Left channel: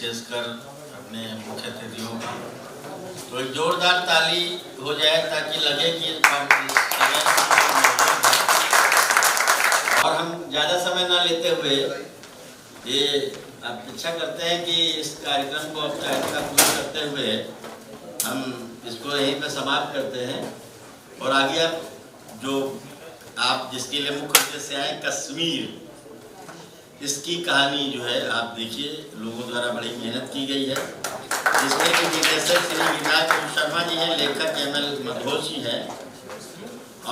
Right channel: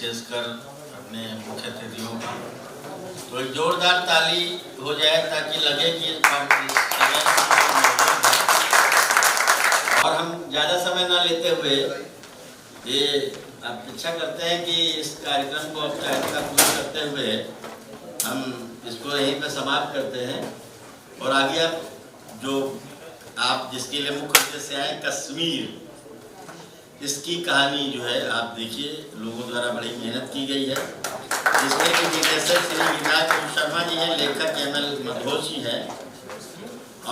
विशेषकर अपने मुख्य अतिथियों का, तो एक जोरदार ताली हो जाए ताकि लगे कि और हम ज़्यादा समय ना लेते हुए ये अपेक्षा करते हैं कि इस कार्यक्रम को औपचारिकता पूरी करते हुए हम इसको यहीं पे समाप्त करते हैं और आगे अब जो आप जिसके लिए मुख्य उद्देश्य आए कश्मीर, इसकी कहानी जो है आप देखिए, लोगों द्वारा बड़ी मेहनत की गई है, जिसमें कि निर्देशक श्री विनायक शर्मा जी हैं, लेखक एमएल मधोज जी हैं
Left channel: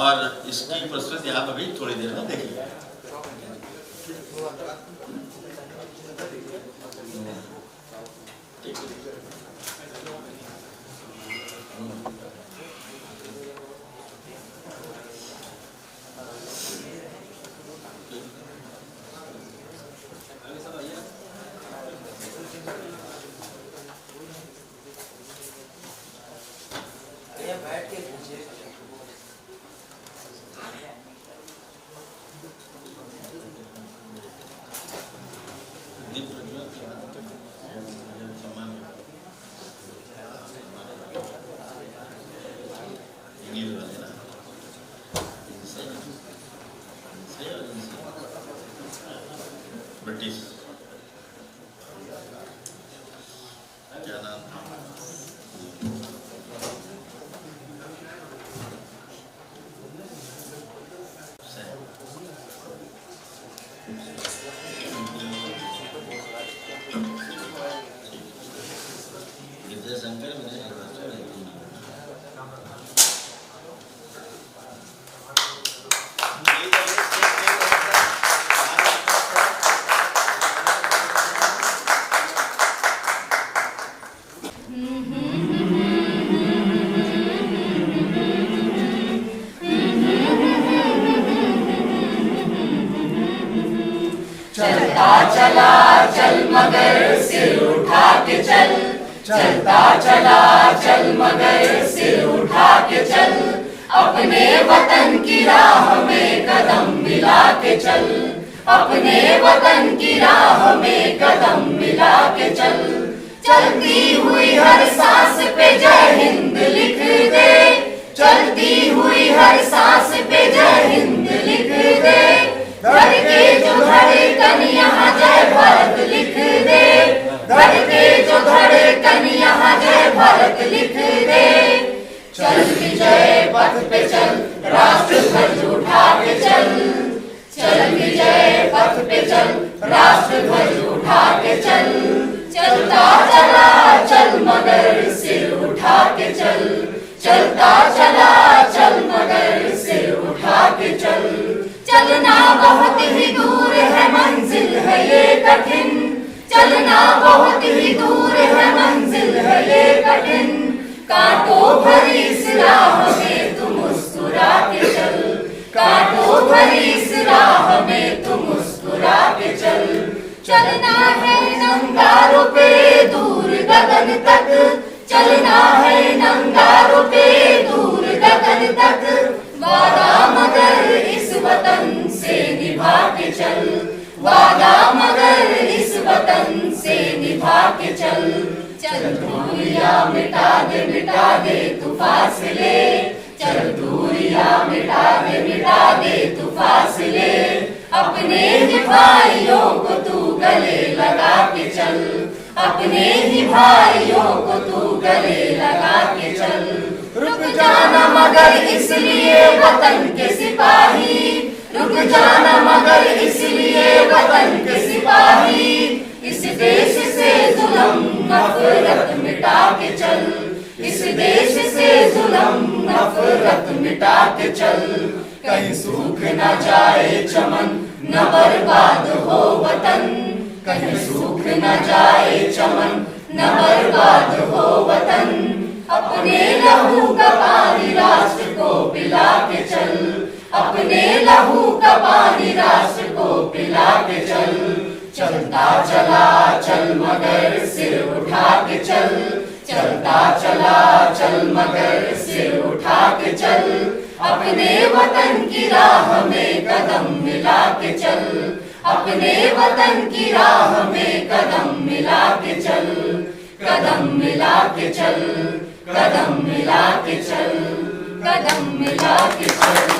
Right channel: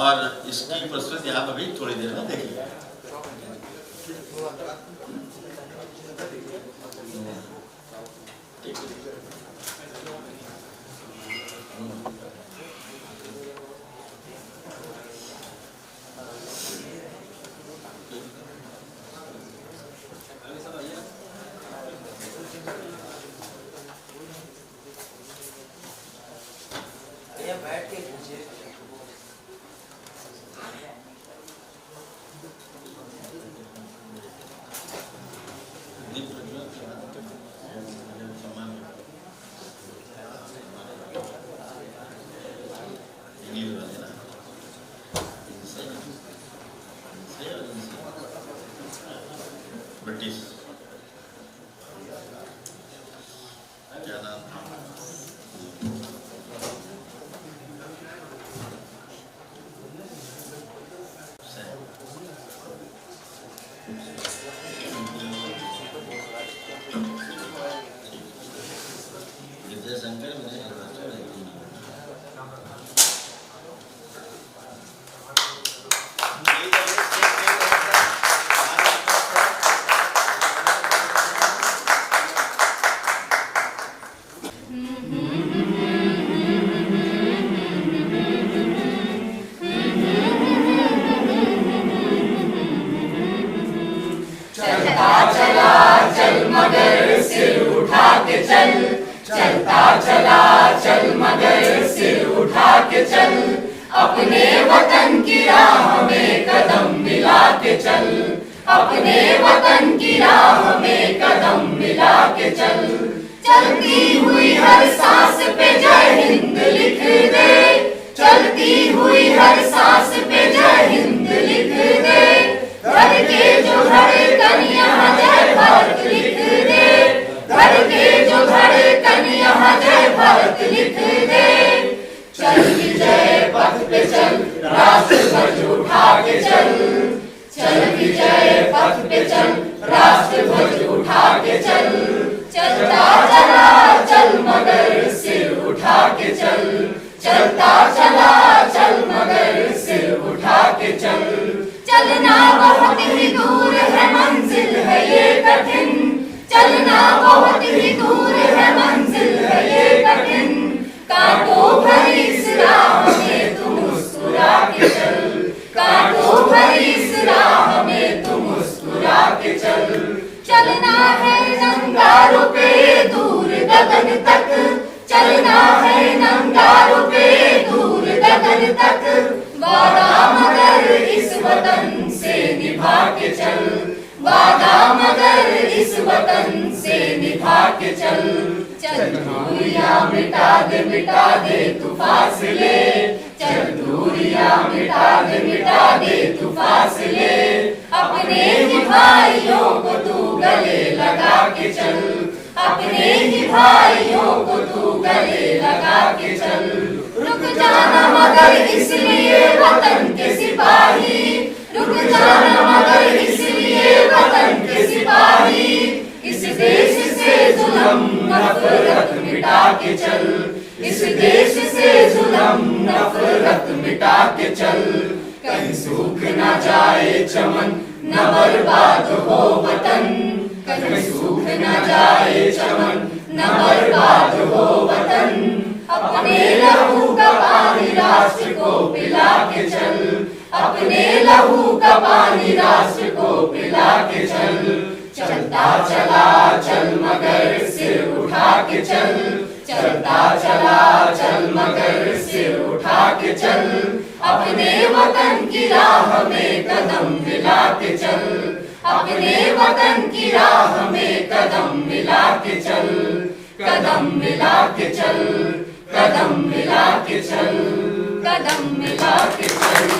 और इसकी प्रस्तुति आप अभी थोड़ी देर में देखिए। बैठ के पूछिए। ब्रिटिश क्या नाम था? चलता चला चल मगर सिर उठा के चल, चलता चला चल मगर सिर उठा के चल, अपने वतन की राह में कदम मिला के चल, अपने वतन की राह में कदम मिला के चल, चलती हुई हर सांस पे जय हिंद लिख दे, चलती हुई हर सांस पे जय हिंद लिख दे, धड़के जो धड़कन यहाँ जय भारत लिख दे, धड़के जो धड़कन यहाँ जय भारत लिख दे, चल विजय पथ पे चल, राष्ट्र ध्वज उठा के चल, चल विजय पथ पे चल, राष्ट्र ध्वज उठा के चल, चलता चला चल मगर सिर उठा के चल, चलता चला चल मगर सिर उठा के चल, चलना बहुत ही दूर है मंजिल है ये कठिन, चलना बहुत ही दूर है मंजिल है ये कठिन, कांटों भरी इस राह में तुम मुस्कुरा के चल, कांटों भरी इस राह में तुम मुस्कुरा के चल, चलना है नंगारों पे दूर गगन तक, चलना है नंगारों पे दूर गगन तक, वादा मगर इस वतन से निभा के चल, वादा मगर इस वतन से निभा के चल, चल दूरियां मिटा दे तू फासले, चल दूरियां मिटा दे तू फासले, अपने ही भाइयों को तू गले लगा के चल, अपने ही भाइयों को तू गले लगा के चल, रुक जाना मगर इसलिए वतन के सिपाही, रुक जाना मगर इसलिए वतन के सिपाही, इस देश से जुल्म नफरत मिटा के चल, इस देश से जुल्म नफरत मिटा के चल, कहीं सूख न जाए चमन न बर्बाद हो वतन, कहीं सूख न जाए चमन न बर्बाद हो वतन, अपने लहू का पानी राष्ट्र को पिला के चल, अपने लहू का पानी राष्ट्र को पिला के चल, चलता चला चल मगर सिर उठा के चल, चलता चला चल मगर सिर उठा के चल, अपने वतन की राह में कदम मिला के चल, अपने वतन की राह में कदम मिला के चल, कदम मिला के चल, कदम मिला के चल, कदम मिला के चल।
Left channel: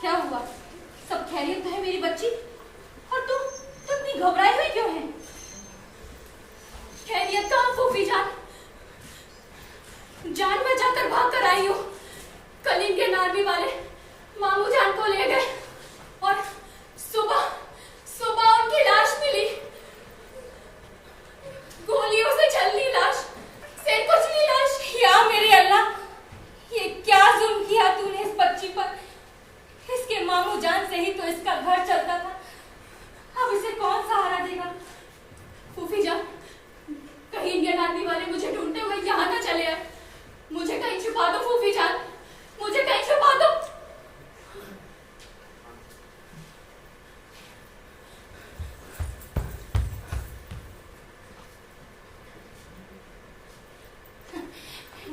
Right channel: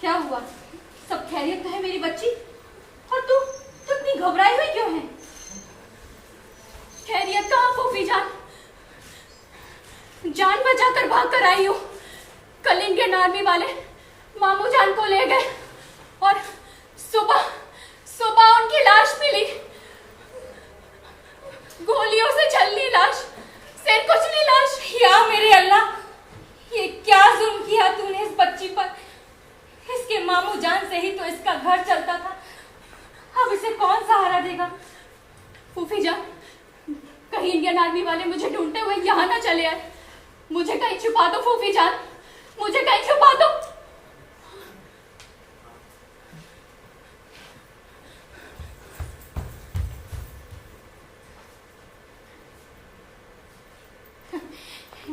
क्या हुआ? सब खैरियत तो है मेरी बच्ची? और तू इतनी घबराई हुई क्यों है? खैरियत कहाँ फूफी जान? जान बचाकर भाग कर आई हूँ। कल इंडियन आर्मी वाले मामू जान को ले गए और सुबह सुबह उनकी लाश मिली। गोलियों से छलनी लाश, सिर कुचली लाश। या मेरे अल्लाह, ये क्या जुल्म किया तूने इस बच्ची पर? इसके मामू जान से ही तो इसका घर चलता था, अब इसे कौन सहारा देगा? फूफी जान, कहीं इंडियन आर्मी वाले मुझे ढूंढते हुए यहाँ ना चले आए। मुझे कहीं छुपा दो फूफी जान, मुझे कहीं छुपा दो।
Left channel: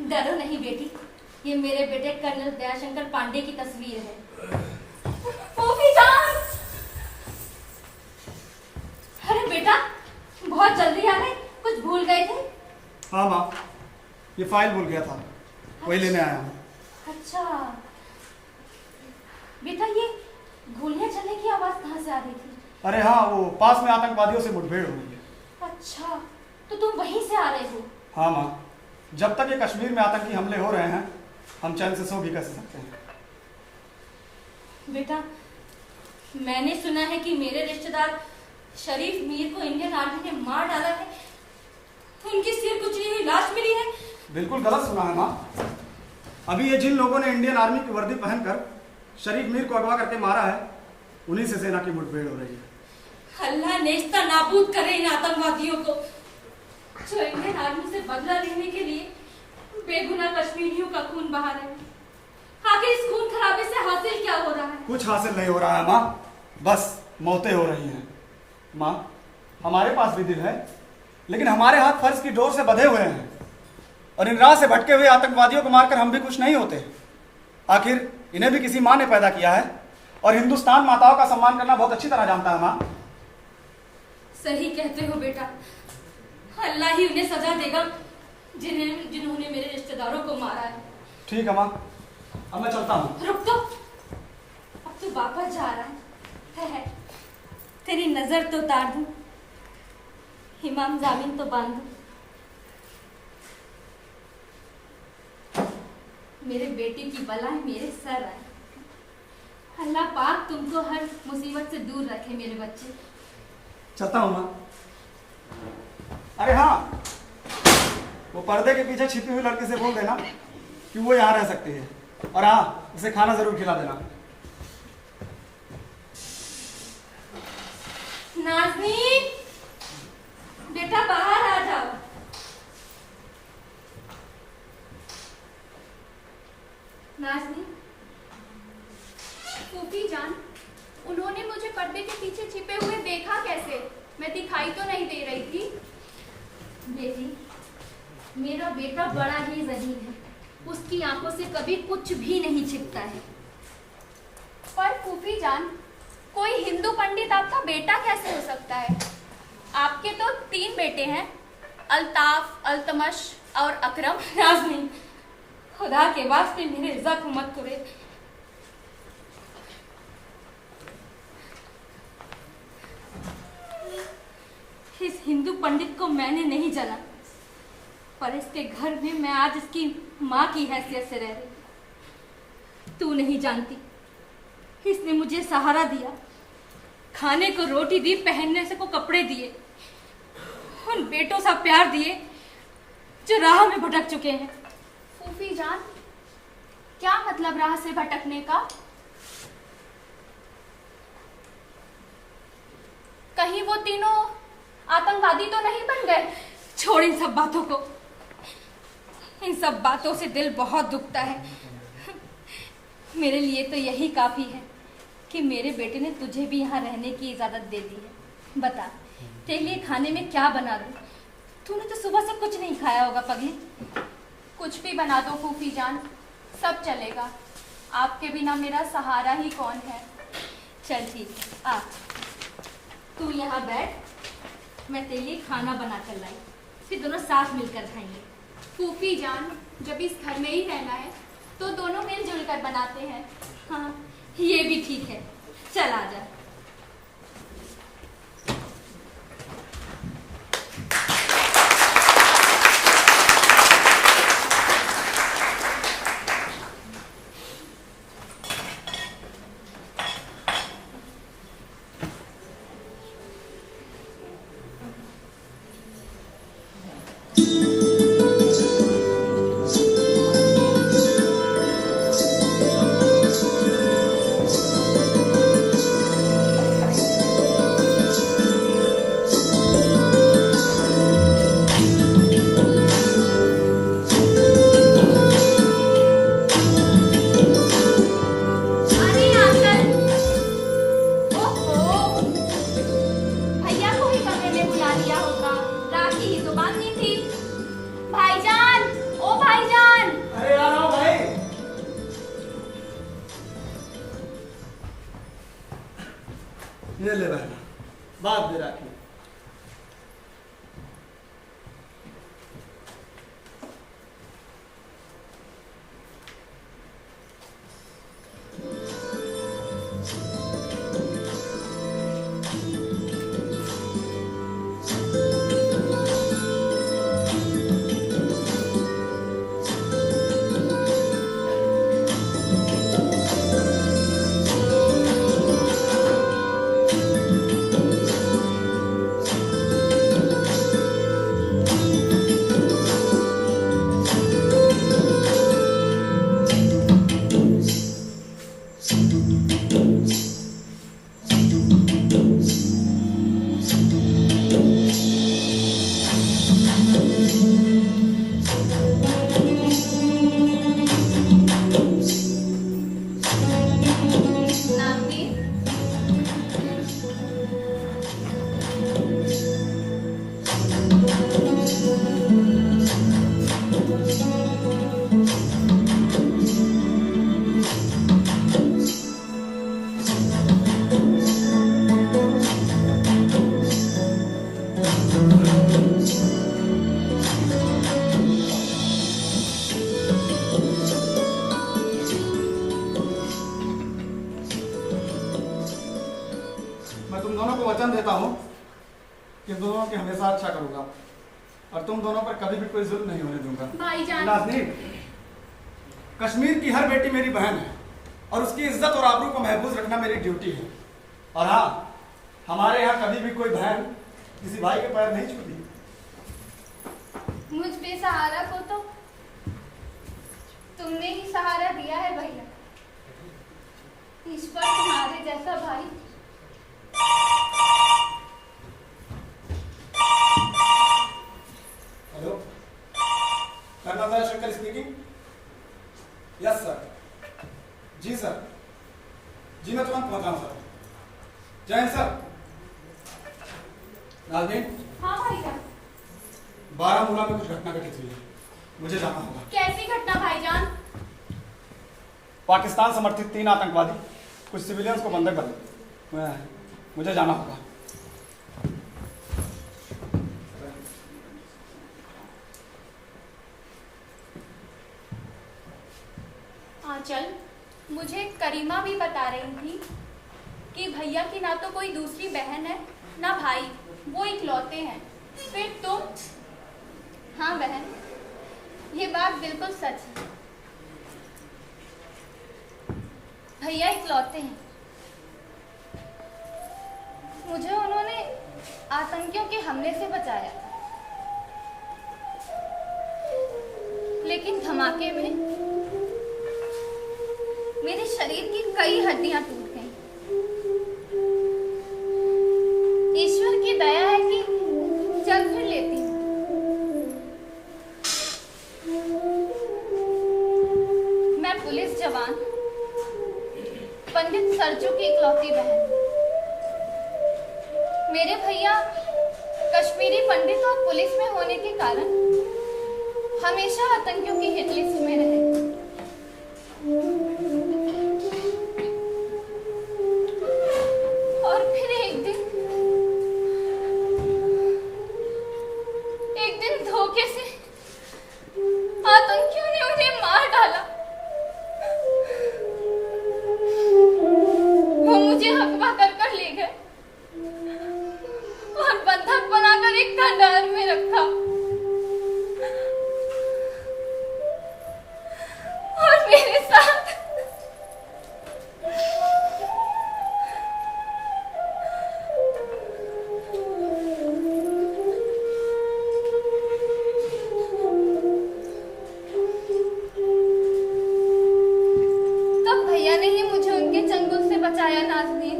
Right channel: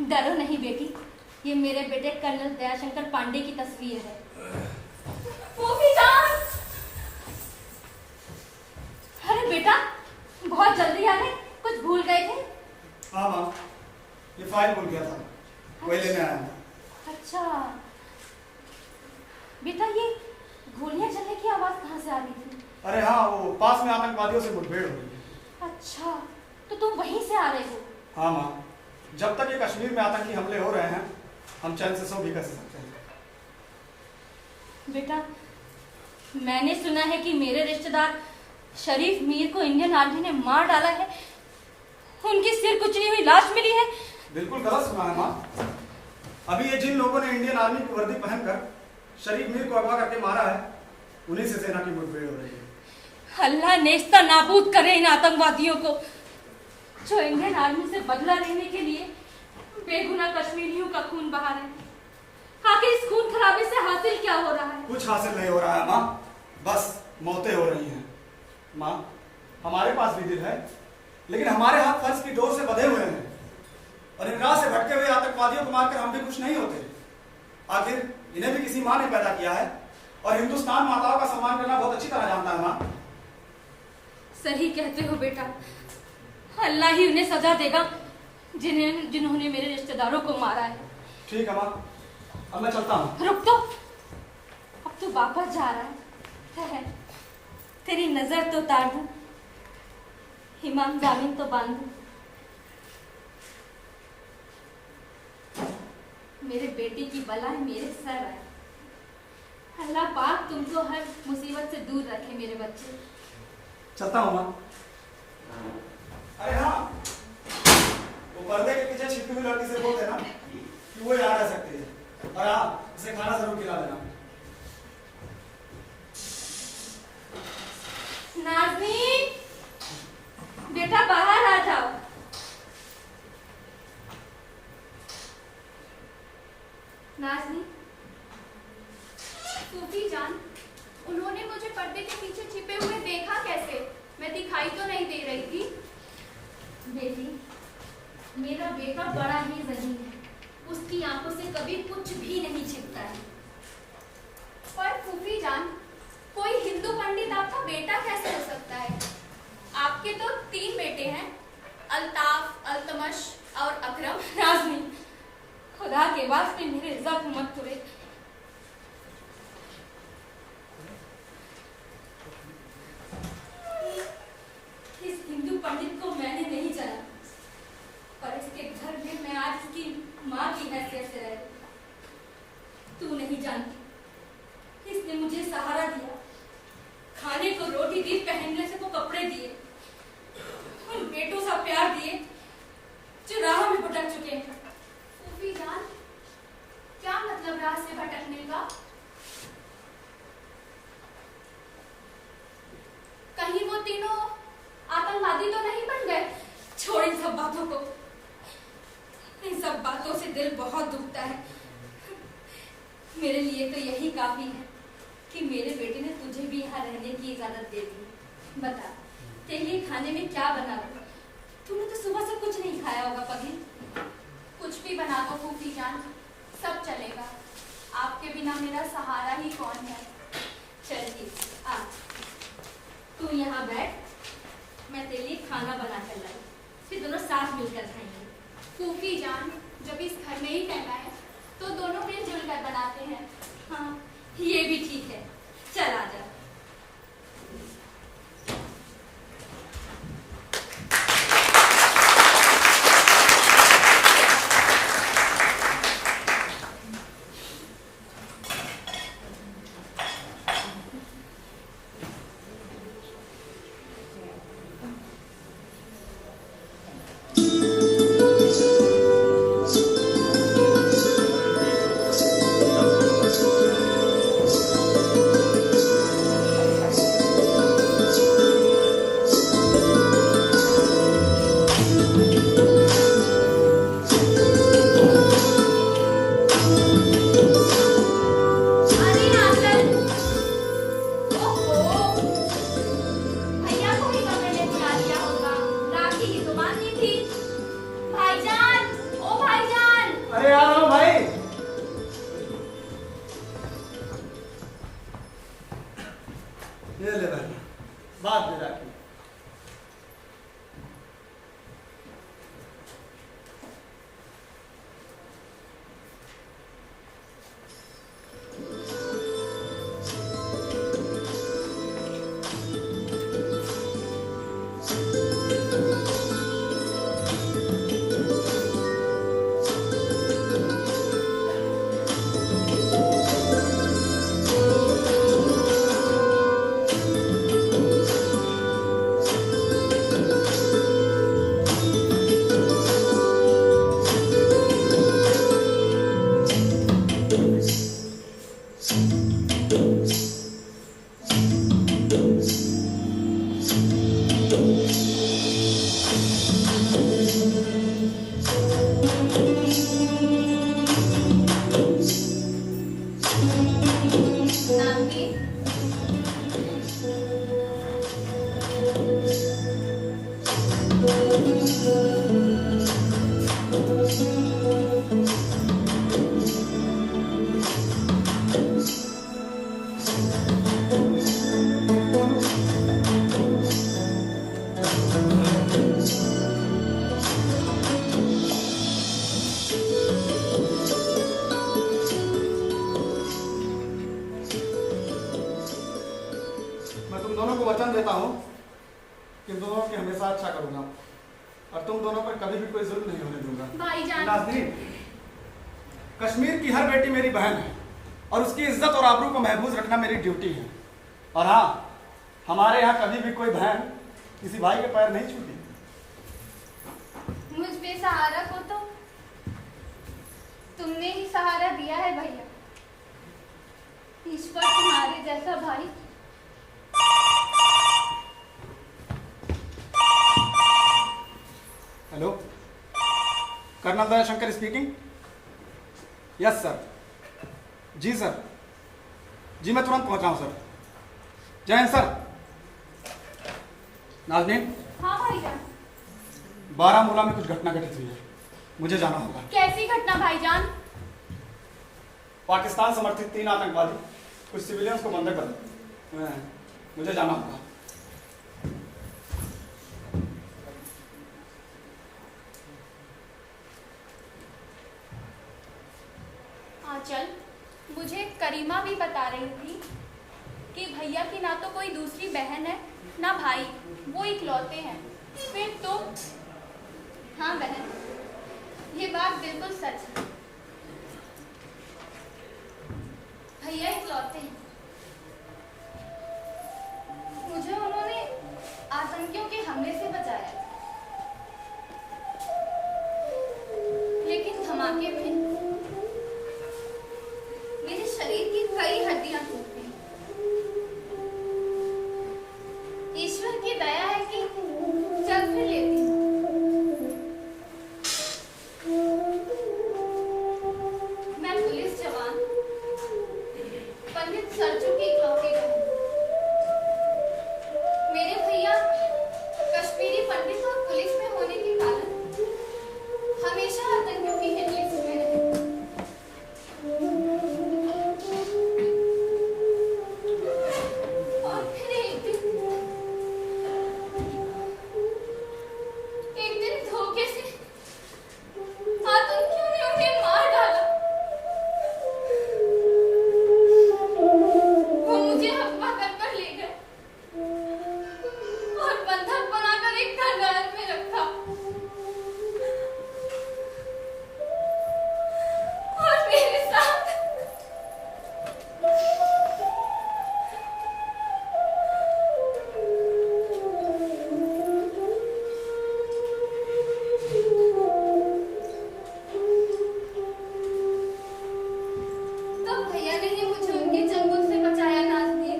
डरो नहीं बेटी, ये मेरे बेटे कर्नल दयाशंकर पांडे की तस्वीर है। फूफी जान! अरे बेटा, बहुत जल्दी आ गए, कुछ भूल गए थे? हाँ माँ, ये फाइल भूल गया था, वही लेने आया हूँ। अच्छा बेटा, ये गोलियां चलने की आवाज कहाँ से आ रही थी? अरे हाँ, वो पास में आतंकवादियों से मुठभेड़ हो रही है। अच्छा, तो तुम वहीं से आ रहे हो? हाँ माँ, जब तक ये कश्मीर में आतंकी हमले हो रहे हैं, हम चैन से सो भी कैसे सकते हैं। बेटा, मैंने सुना है कि मेरे रिश्तेदार शरीफ मीर को इंडियन आर्मी ने मार डाला है। उनकी सिर कुचली हुई लाश मिली है। बिल्कुल गलत सुना है माँ। अभी ये जिन लोगों ने इंडियन आर्मी की वर्दी पहनकर शरीफ मीर को अगवा करके मारा है, उन्हीं से सेना की मुठभेड़ हो रही है। अल्लाह नेस्ता नाबूद करे इन आतंकवादियों को, जो इंडियन आर्मी से बदला लेने के लिए बेगुनाह कश्मीरियों का खून बहा रहे हैं। आखिर इस खून खराबे से हासिल क्या हो रहा है? कुछ हासिल नहीं हो रहा है माँ, बस मौतें हो रही हैं। माँ, हमारे पास भी दिल है, लेकिन हमारे हाथ फर्ज की डोर से बंधे हुए हैं, और इन राह से भटके हुए आतंकवादियों को मारकर हम भी कुछ नहीं होते। आखिर इन्हें भी किसी माँ ने पैदा किया है, और हिंदुस्तान माताओं का सम्मान करना बहुत अच्छी तरह जानता है माँ। सही कहते हो बेटा, अल्लाह ही उन्हें सजा देगा जिन्होंने मेरे रिश्तेदारों को मारा है। ठीक है माँ, अब मैं चलता हूँ। रुक तो, अब तो वापस जा रहा है। तेरी नजर तो उतार दूं, इमाम जामीन तो बांध दूं। मेरे बेटे की बलाएं मेरे सर आए। अल्लाह पाक तुमको हर मुसीबत से दूर रखे मेरे बच्चे। चलता हूँ माँ। अरे हाँ, वो पर्दे के पीछे छिपी हुई लड़की से बोल देना कि वो यहाँ रह सकती है, और हाँ, उसे खाना जरूर खिला देना। नाज़नीन, बेटा बाहर आ जाओ। नाज़नीन, फूफी जान, उन्होंने मुझे पर्दे के पीछे छिपे हुए देखा कैसे? मैं दिखाई तो नहीं दे रही थी। बेटी, मेरा बेटा बड़ा ही ज़हीन है, उसकी आंखों से कभी कुछ भी नहीं छिपता है। पर फूफी जान, कोई हिंदू पंडित आपका बेटा कैसे हो सकता है? आपके तो 3 बेटे हैं, अल्ताफ, अल्तमश और अकरम। नाज़नीन, खुदा के वास्ते मेरे जख्म मत करे। इस हिंदू पंडित को मैंने नहीं जला, पर इसके घर में मैं आज इसकी माँ की हैसियत से रह रही। तू नहीं जानती, इसने मुझे सहारा दिया, खाने को रोटी दी, पहनने से को कपड़े दिए, उन बेटों सा प्यार दिए जो राह में भटक चुके हैं। फूफी जान, क्या मतलब राह से भटकने का? कहीं वो तीनों आतंकवादी तो नहीं बन गए? छोड़ इन सब बातों को, इन सब बातों से दिल बहुत दुखता है। मेरे लिए तो यही काफी है कि मेरे बेटे ने तुझे भी यहाँ रहने की इजाजत दे दी है। बता, तेरे लिए खाने में क्या बना दूं? तूने तो सुबह से कुछ नहीं खाया होगा पगली। कुछ भी बना दो फूफी जान, सब चलेगा। आपके बिना मेरा सहारा ही कौन है। चल ठीक, आ तू यहाँ बैठ, मैं तेरे लिए खाना बना कर लाई, फिर दोनों साथ मिलकर खाएंगे। फूफी जान, जब इस घर में ही रहना है तो दोनों मिलजुल कर बनाते हैं। हाँ, ये भी ठीक है, चल आजा। ये ले बहना, बात दे राखी। मैं तुम दोनों को वचन देता हूँ कि दोनों के हमेशा अच्छा करूंगा और तुम दोनों पर कभी भी कोई जुल्म नहीं होने दूंगा। भाईजान, नाज़नीन, कश्मीर की हर बेटी मेरी बहन है और उसकी इज्जत और आबरू को महफूज रखना मेरी ड्यूटी है। और हाँ, हमारे यहाँ कभी भी कोई बहन किसी भाई के पैर नहीं छूती। मुझ बेसहारा को तो तुमने ही सहारा दिया है भैया। ईश्वर तुम्हारे जैसा भाई। Hello, colonel Dayashankar speaking. Yes sir. जी सर, जी मैं तुरंत पहुंच रहा हूं सर। जय हिंद सर। नाज़नीन, हाँ भाईजान। बारामूला में कुछ घटना घटित हुई है, मुझे जाना होगा। कैसी घटना भाईजान? पाकिस्तान समर्थित 3 आतंकवादी कुछ सिविलियंस को बंधक कर, मुझे जाना होगा। आंचल, मुझे करीमा भी बता रही थी कि भैया की ना तो कोई दूसरी बहन है ना भाई, वो इकलौते हैं। फिर तुम? हाँ बहन, ये बात बिल्कुल सच है। भैया इकलौते हैं। मुझे उन्होंने आतंकियों के हमले से बचाया था, लेकिन धमाके में मेरे शरीर की कई हड्डियां टूट गईं। ईश्वर की दया है कि चल फिर लेती हूँ। मैं पुलिस जवान पंडित सरजू की इकलौती बहन। मेरे भैया कश्मीरी पंडित और पुलिस में होने के कारण हमेशा आतंकियों की हिट लिस्ट में रहे। और फिर एक दिन धोखे से आतंकियों ने उन्हें मार डाला। वो मुझे हकवा कर ले गए और बंधक बनाकर एक खंडहर में रखा। और मेरे साथ तब भैया ने ही मुझे उनके चंगुल से बचाया। नाज़नीन,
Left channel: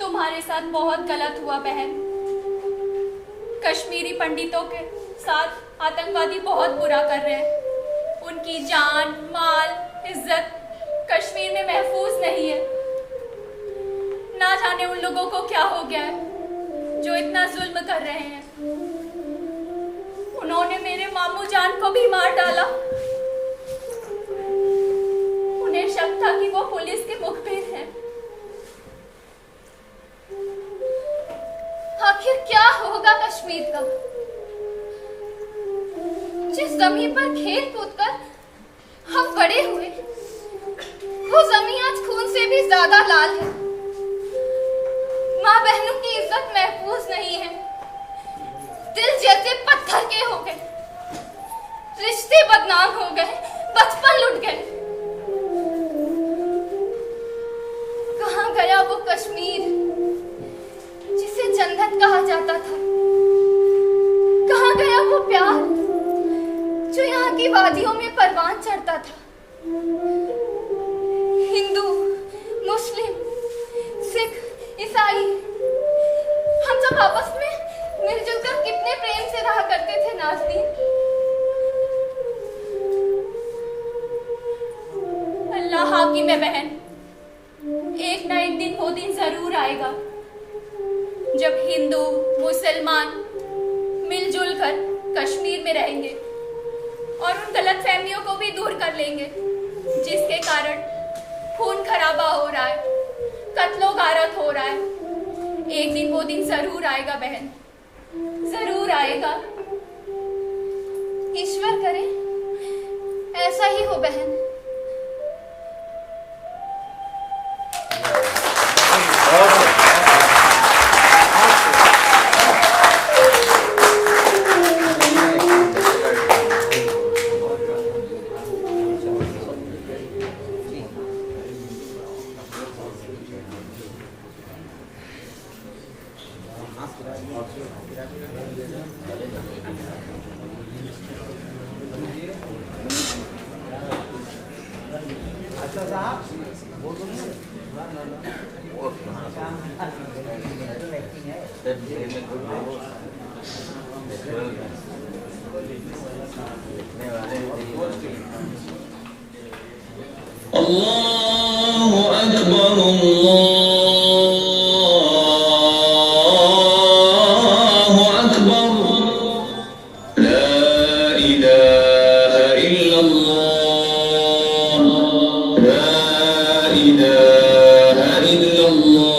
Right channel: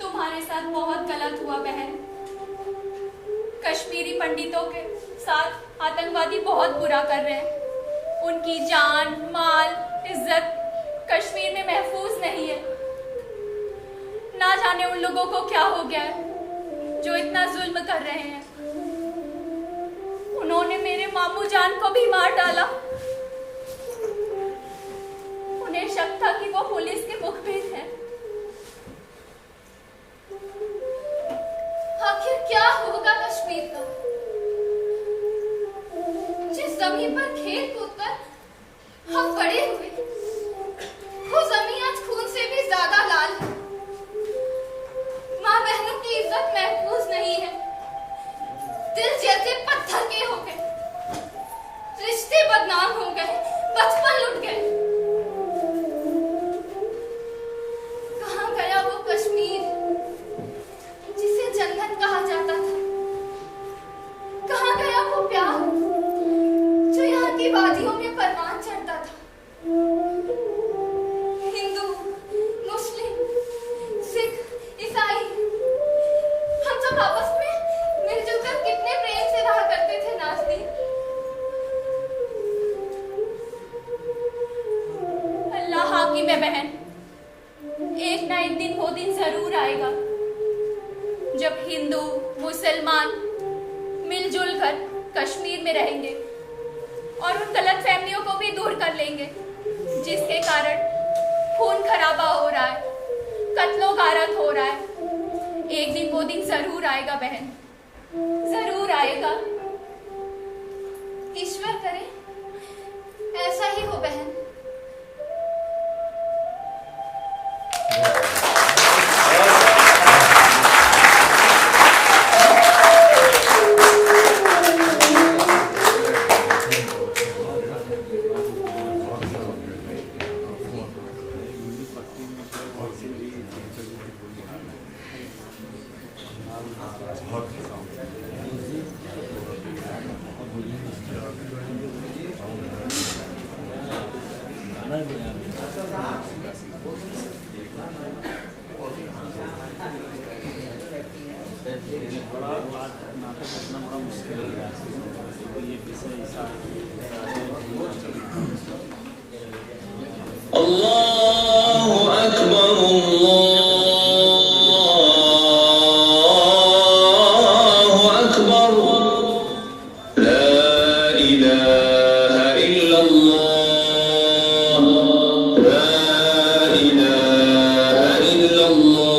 तुम्हारे साथ बहुत गलत हुआ बहन। कश्मीरी पंडितों के साथ आतंकवादी बहुत बुरा कर रहे हैं। उनकी जान, माल, इज्जत कश्मीर में महफूज नहीं है। ना जाने उन लोगों को क्या हो गया है जो इतना जुल्म कर रहे हैं। उन्होंने मेरे मामू जान को भी मार डाला। उन्हें शक था कि वो पुलिस के मुखबिर हैं। आखिर क्या होगा कश्मीर का, जिस जमीन पर खेल कूद कर हम बड़े हुए, वो जमीन आज खून से भी ज्यादा लाल है। माँ बहनों की इज्जत महफूज नहीं है। दिल जैसे पत्थर के हो गए, रिश्ते बदनाम हो गए, बचपन लुट गए। कहाँ गया वो कश्मीर जिसे जन्नत कहा जाता था? कहाँ गया वो प्यार जो यहाँ की वादियों में परवान चढ़ता था? हिंदू, मुस्लिम, सिख, ईसाई, हम सब आपस में मिलजुल कर कितने प्रेम से रहा करते थे। नाज़नीन, अल्लाह हाकिम है बहन। एक ना एक दिन वो दिन जरूर आएगा जब हिंदू मुसलमान मिलजुल कर कश्मीर में रहेंगे और उन गलत फहमियों को भी दूर कर लेंगे जिसके कारण खून खराबा हो रहा है, कत्लो गारत हो रहा है। एक दिन वो दिन जरूर आएगा बहन, जरूर आएगा। ईश्वर करे ऐसा ही हो बहन। अल्लाहु अकबर, अल्लाहु अकबर, ला इलाहा इल्लल्लाह, ला इलाहा इल्लल्लाह।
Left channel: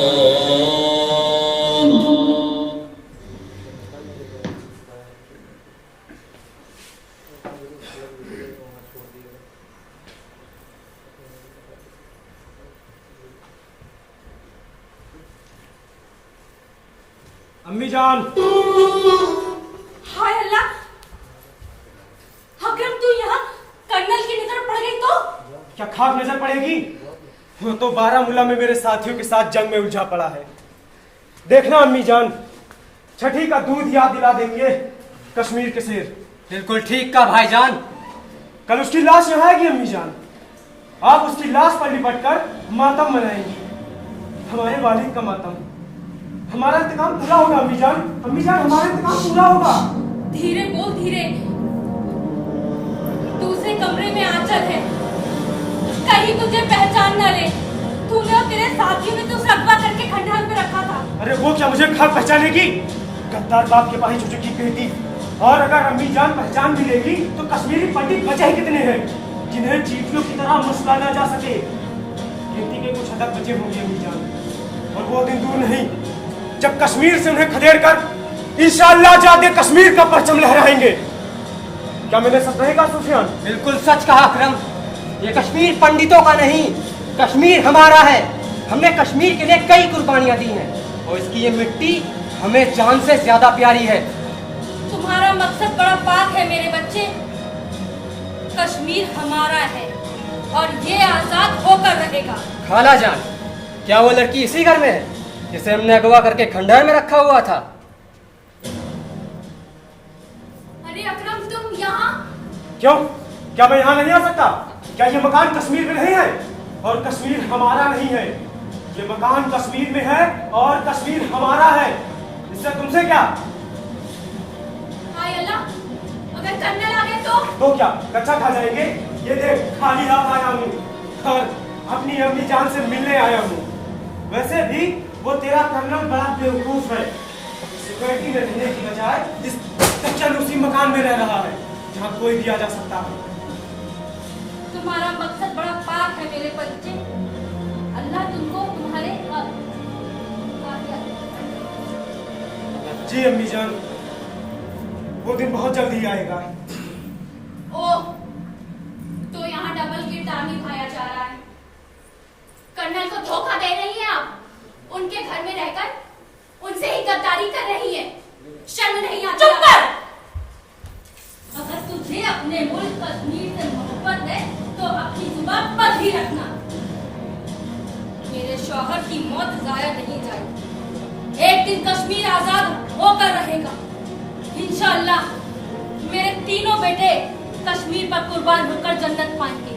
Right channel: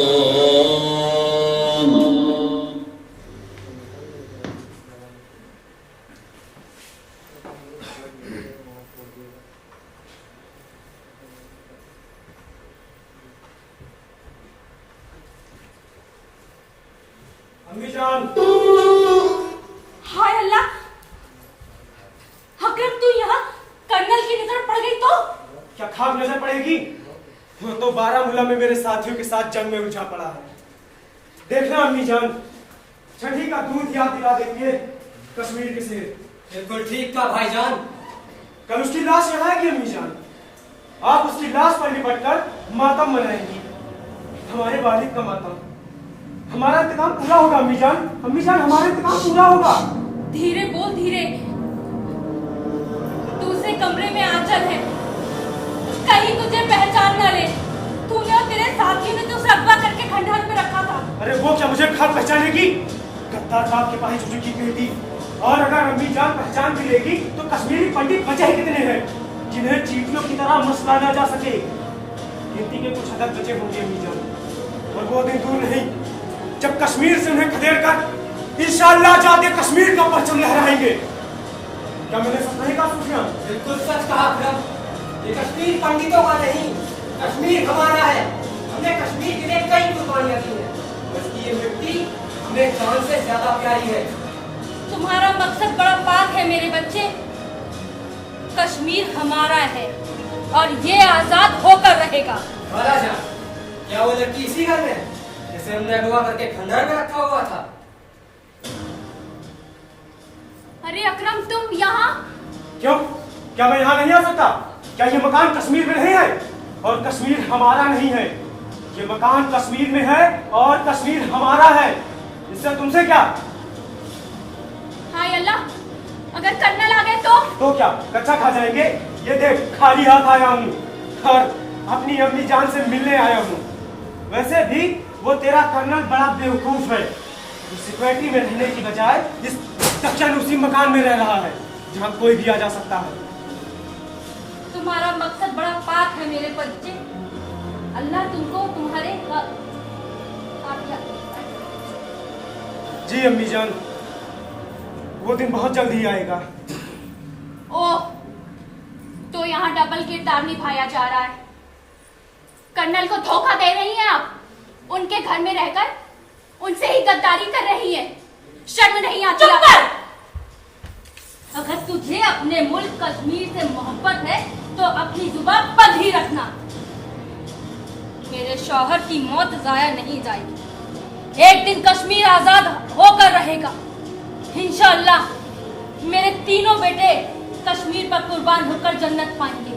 अम्मी जान, हाय अल्लाह, खाक नजर पड़ेगी। वो तो बारामूला में मेरे साथियों के साथ जंग में उलझा पड़ा है। देखना अम्मी जान, छठी का दूध याद दिला देंगे कश्मीर के शेर। बिल्कुल ठीक का भाईजान। कल उसकी लाश यहाँ आएगी अम्मी जान, आप उसकी लाश पर लिपट कर मातम मनाएंगी, हमारे वालिद का मातम। हमारा इंतकाम पूरा होगा अम्मी जान, अम्मी जान हमारा इंतकाम पूरा होगा। धीरे बोल, धीरे। दूसरे कमरे में आंचल है, कहीं तुझे पहचान न ले। तूने और तेरे साथियों ने तो अगवा करके खंडहर में रखा था। अरे वो क्या मुझे खाक पहचानेगी? गद्दार बाप के पाही चुकी बेटी। और अगर अम्मी जान पहचान भी लेगी तो कश्मीरी पंडित बचे ही कितने हैं जिन्हें चींटियों की तरह मसला ना जा सके। गिनती के कुछ हदक बचे होंगे अम्मी जान, और वो दिन दूर नहीं जब कश्मीर से उन्हें खदेड़ कर इंशाअल्लाह जादे कश्मीर का परचम लहराएंगे। क्या मैंने सच नहीं कहा सुफियान? बिल्कुल सच कहा अकरम। ये कश्मीर पंडितों का नहीं, कश्मीर हमारा है। हमने कश्मीर के लिए कई कुर्बानियां दी हैं और इसकी ये मिट्टी हमें जान से ज्यादा प्यारी है। तुम्हारा मकसद बड़ा पाक है मेरे बच्चे। कश्मीर हमारा है और ये आजाद होकर रहेगा। खाला जान, क्या वो लड़की इसी घर में है जिसे हमने अगवा करके खंडहर में रखा हुआ था? अरे अकरम, तुम यहाँ? क्यों, क्या मैं यहाँ नहीं आ सकता? क्या ये मकान कश्मीर में नहीं है और कश्मीर हमारा नहीं है? ये मकान कश्मीर में है और कश्मीर हमारा है, इससे तुमसे क्या? हाय अल्लाह, अगर कर्नल आ गए तो क्या कच्चा खा जाएंगे? ये देख खाली हाथ आया हूँ और अपनी अम्मी जान से मिलने आया हूँ। वैसे भी वो तेरा कर्नल बड़ा बेवकूफ है, सिक्योरिटी में रहने की बजाय इस तक्षण उसी मकान में रह रहा है जहाँ कोई भी आ जा सकता है। तुम्हारा मकसद बड़ा पाक है मेरे बच्चे। अल्लाह तुमको तुम्हारे जी अम्मी जान, वो दिन बहुत जल्द ही आएगा। ओह, तो यहाँ डबल किरदार निभाया जा रहा है। कर्नल को धोखा दे रही हैं आप, उनके घर में रहकर उनसे ही गद्दारी कर रही हैं। शर्म नहीं आती? चुप कर। अगर तुझे अपने मुल्क कश्मीर से मोहब्बत है तो अपनी जुबान बंद ही रखना। मेरे शौहर की मौत जाया नहीं जाएगी। एक दिन कश्मीर आजाद होकर रहेगा इंशाअल्लाह। मेरे तीनों बेटे कश्मीर पर कुर्बान होकर जन्नत पाएंगे।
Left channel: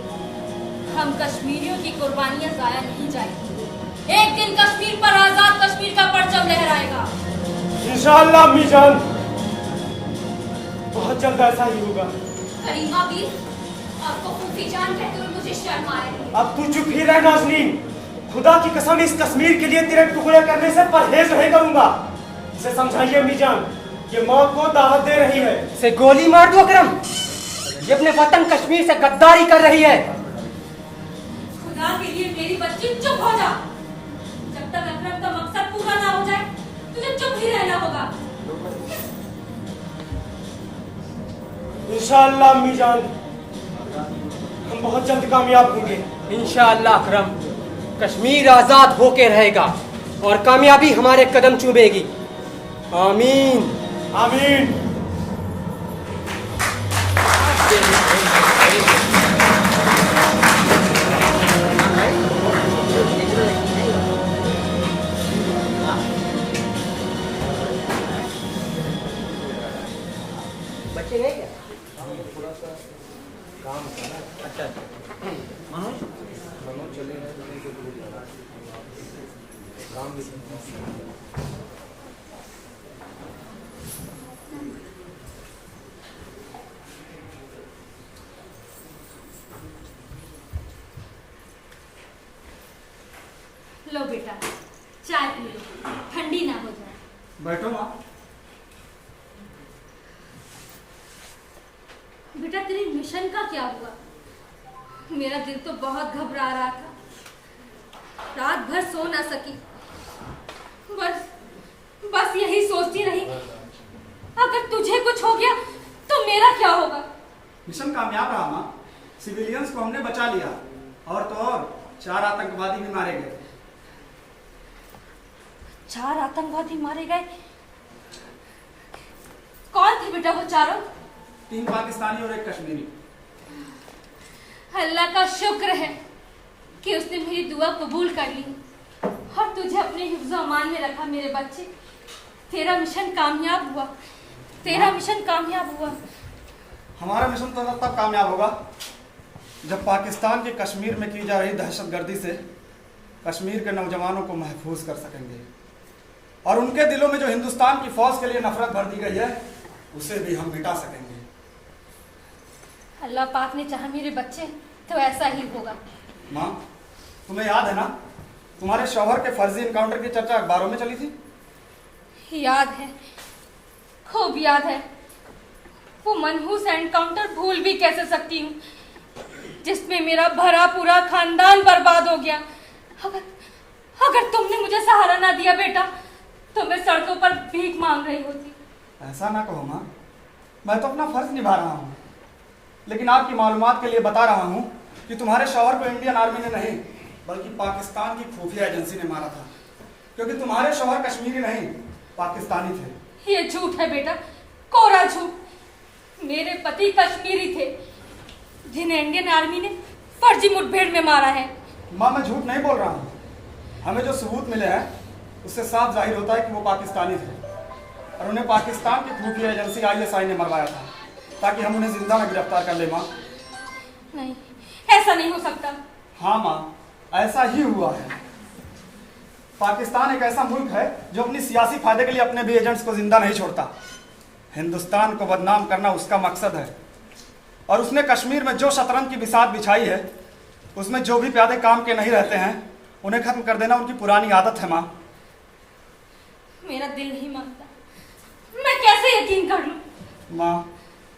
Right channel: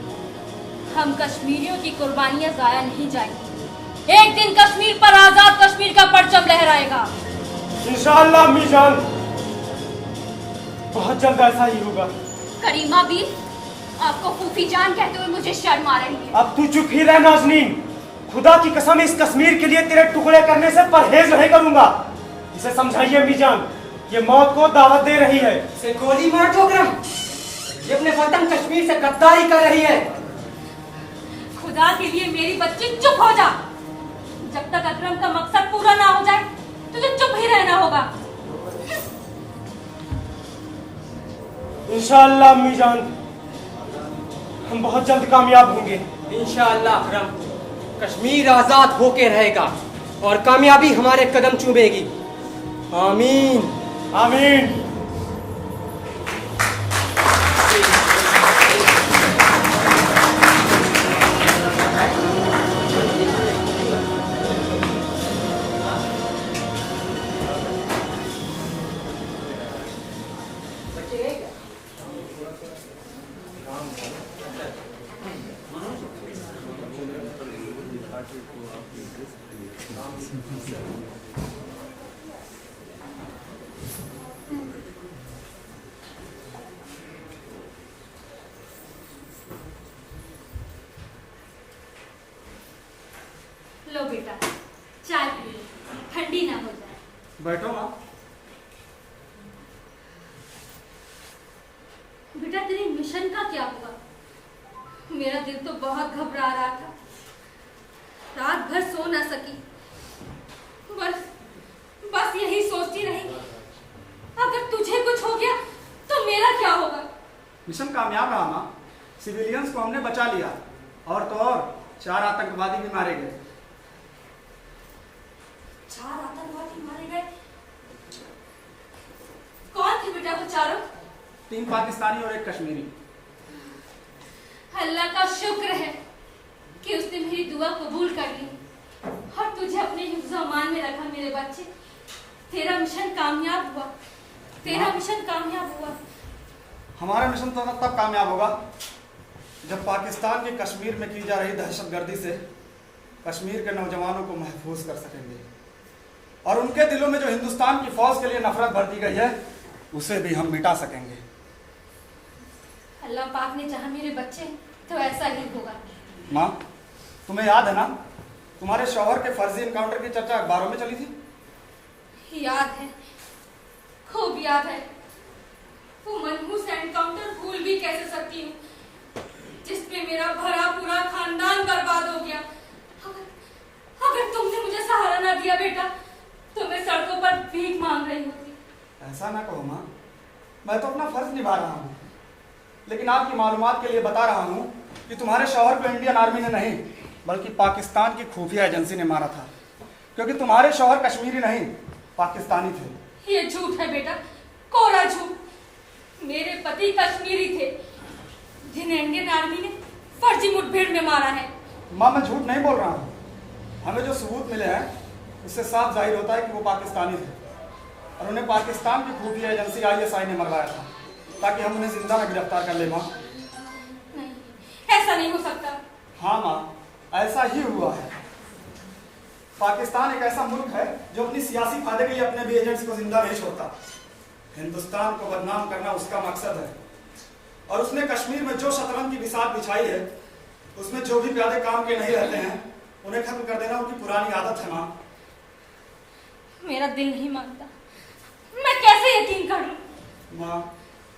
हम कश्मीरियों की कुर्बानियां जाया नहीं जाएगी। एक दिन कश्मीर पर आजाद कश्मीर का परचम लहराएगा इंशाअल्लाह अम्मी जान, बहुत जल्द ऐसा ही होगा। करीमा भी आपको फूफी जान कहते हुए मुझे शर्म आ रही है। अब तू चुप ही रह नाज़नीन, खुदा की कसम इस कश्मीर के लिए तेरे टुकड़े करने से परहेज नहीं करूंगा। इसे समझाइए अम्मी जान, ये मौत को दावत दे रही है। इसे गोली मार दो अकरम, ये अपने वतन कश्मीर से गद्दारी कर रही है। खुदा के लिए मेरी बच्ची चुप हो जा। जब तक अकरम का मकसद पूरा ना हो जाए तुझे चुप ही रहना होगा। इंशाअल्लाह अम्मी जान, हम बहुत जल्द कामयाब होंगे। इंशाअल्लाह अकरम, कश्मीर आजाद होके रहेगा और कामयाबी हमारे कदम चूमेगी। आमीन आमीन। लो बेटा, चाय पी लो, ठंडी ना हो जाए। बैठो माँ। बेटा तेरे मिशन का क्या हुआ? मेरा दिल तो बहुत घबरा रहा था, रात भर सो ना सकी। बस यही सोचती रही, अगर तुझे कुछ हो गया तो मेरा क्या होगा? मिशन कामयाब रहा माँ, सिविलियंस को हमने बचा लिया और तो और 4 आतंकवादी भी मारे गए। 4 आतंकवादी मारे गए? कौन थे बेटा वो चारों? 3 पाकिस्तानी और 1 कश्मीरी। अल्लाह का शुक्र है कि उसने मेरी दुआ कबूल कर ली और तुझे अपने हिफ्ज़ अमान में रखा मेरे बच्चे। तेरा मिशन कामयाब हुआ, तेरा मिशन कामयाब हुआ। हमारा मिशन तो तब कामयाब होगा जब पाकिस्तान के कश्मीर में की जा रही दहशतगर्दी से कश्मीर के नौजवानों को महफूज कर सकेंगे और उनके दिलों में जो हिंदुस्तान की फौज के लिए नफरत भर दी गई है उसे भी हम मिटा सकेंगे। अल्लाह पाक ने चाहा मेरे बच्चे तो ऐसा ही होगा। माँ, तुम्हें याद है ना तुम्हारे शौहर के फर्जी इनकाउंटर की चर्चा अखबारों में चली थी? याद है, खूब याद है। वो मनहूस एनकाउंटर भूल भी कैसे सकती हूँ जिसमें मेरा भरा पूरा खानदान बर्बाद हो गया। अगर तुमने मुझे सहारा ना दिया बेटा तो मैं सड़कों पर भीख मांग रही होती। ऐसा ना कहो माँ, मैं तो अपना फर्ज निभा रहा हूँ, लेकिन आपकी मालूमात के लिए बता रहा हूँ कि तुम्हारे शौहर को इंडियन आर्मी ने नहीं बल्कि पाकिस्तान की खुफिया एजेंसी ने मारा था, क्योंकि तुम्हारे शौहर कश्मीरी नहीं पाकिस्तानी थे। ये झूठ है बेटा, कोरा झूठ। मेरे पति कश्मीरी थे जिन्हें इंडियन आर्मी ने फर्जी मुठभेड़ में मारा है। माँ, मैं झूठ नहीं बोल रहा हूँ। हमें जो सबूत मिले हैं उससे साफ जाहिर होता है कि वो पाकिस्तानी थे और उन्हें पाकिस्तान की खुफिया एजेंसी ISI ने मरवाया था ताकि हम उन्हें जिंदा में गिरफ्तार कर ले। माँ, नहीं, ऐसा नहीं हो सकता। हाँ माँ, ऐसा ही हुआ है। पाकिस्तान एक ऐसा मुल्क है जो अपनी सियासी फायदे के लिए अपने भी एजेंट्स को जिंदा नहीं छोड़ता। हिंदुस्तान को बदनाम करना उसका मकसद है और उसने कश्मीर में जो शतरंज की बिसात बिछाई है उसमें जो भी प्यादे काम के नहीं रहते हैं उन्हें खत्म कर देना उनकी पुरानी आदत है। माँ, मेरा दिल नहीं मानता, मैं कैसे यकीन कर लूं? माँ,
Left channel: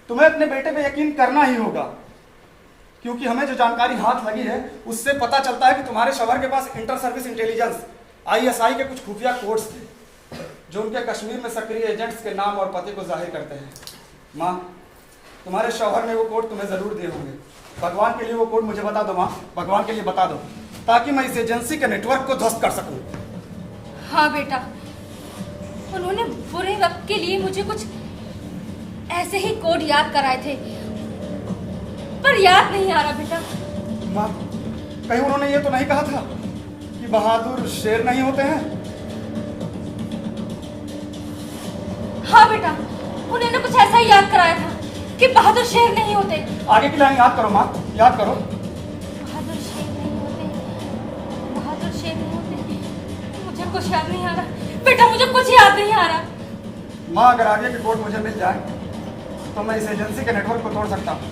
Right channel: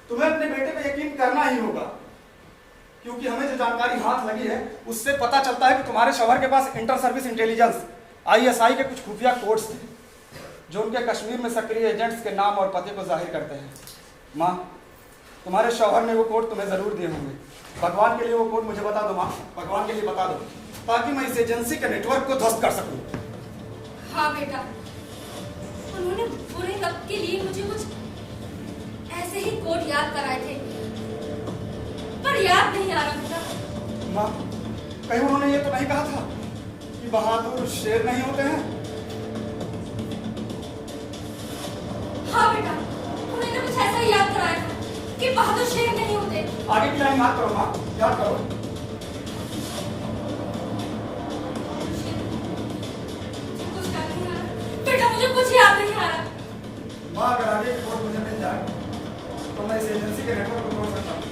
तुम्हें अपने बेटे पे यकीन करना ही होगा, क्योंकि हमें जो जानकारी हाथ लगी है उससे पता चलता है कि तुम्हारे शौहर के पास इंटर सर्विस इंटेलिजेंस ISI के कुछ खुफिया कोड्स थे जो उनके कश्मीर में सक्रिय एजेंट्स के नाम और पते को जाहिर करते हैं। माँ, तुम्हारे शौहर ने वो कोड तुम्हें जरूर दिए होंगे। भगवान के लिए वो कोड मुझे बता दो माँ, भगवान के लिए बता दो, ताकि मैं इस एजेंसी के नेटवर्क को ध्वस्त कर सकूं। हाँ बेटा, उन्होंने बुरे वक्त के लिए मुझे कुछ ऐसे ही कोड याद कराए थे, पर याद नहीं आ रहा बेटा। माँ, कहीं उन्होंने ये तो नहीं कहा था कि बहादुर शेर नहीं होते हैं? हाँ बेटा, उन्होंने कुछ ऐसा ही याद कराया था कि बहादुर शेर नहीं होते। आगे की लाइन याद करो माँ, याद करो। बहादुर शेर नहीं होते, बहादुर शेर नहीं होते। मुझे कुछ याद नहीं आ रहा बेटा, मुझे कुछ याद नहीं आ रहा। माँ, अगर आगे की कोड मुझे मिल जाए तो मैं इस एजेंसी के नेटवर्क को तोड़ सकता हूँ।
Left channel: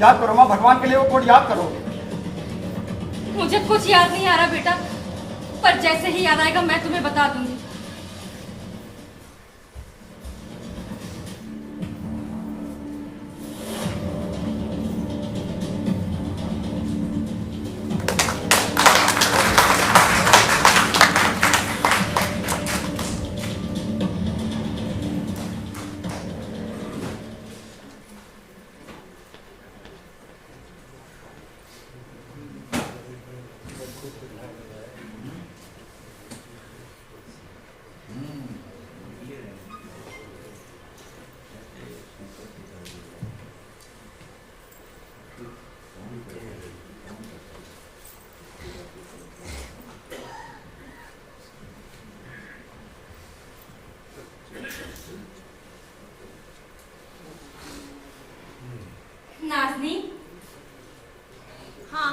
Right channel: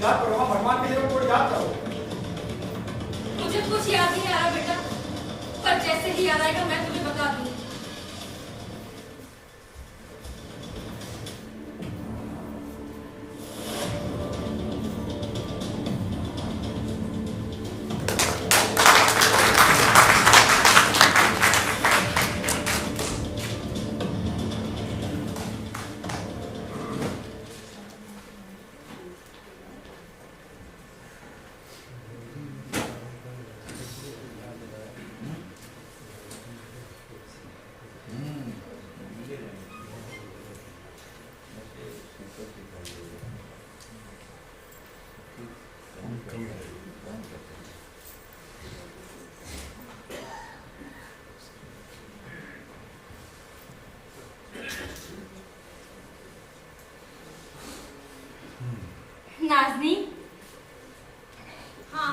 याद करो माँ, भगवान के लिए वो कोड याद करो। मुझे कुछ याद नहीं आ रहा बेटा, पर जैसे ही याद आएगा मैं तुम्हें बता दूंगी। नाज़नीन, हाँ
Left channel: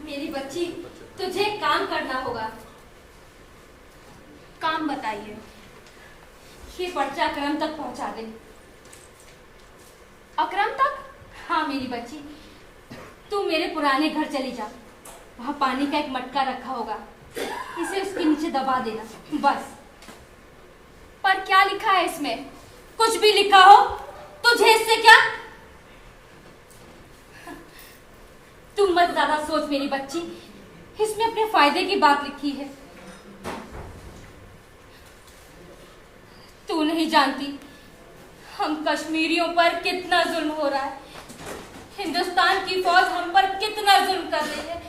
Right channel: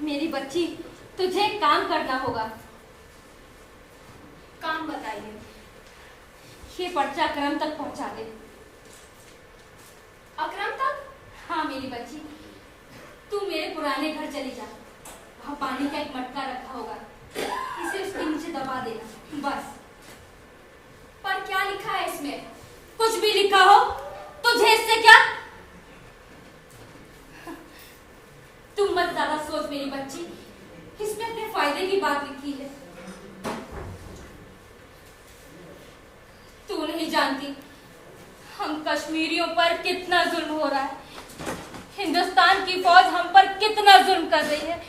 मेरी बच्ची, तुझे एक काम करना होगा। काम बताइए। ये पर्चा अकरम तक पहुंचा दे। अकरम तक? हाँ मेरी बच्ची, तू मेरे पुराने घर चली जा, वहाँ पानी का एक मटका रखा होगा, इसे उसके नीचे दबा देना बस। पर क्या लिखा है इसमें? कुछ भी लिखा हो तुझे इससे क्या? तू मत ज्यादा सोच मेरी बच्ची, इसमें अपने फायदे की बात लिखी है। तू नहीं जानती हम कश्मीरियों पर कितना जुल्म हो रहा है, हिंदुस्तान की फौज हम पर कितना जुल्म कर रही है।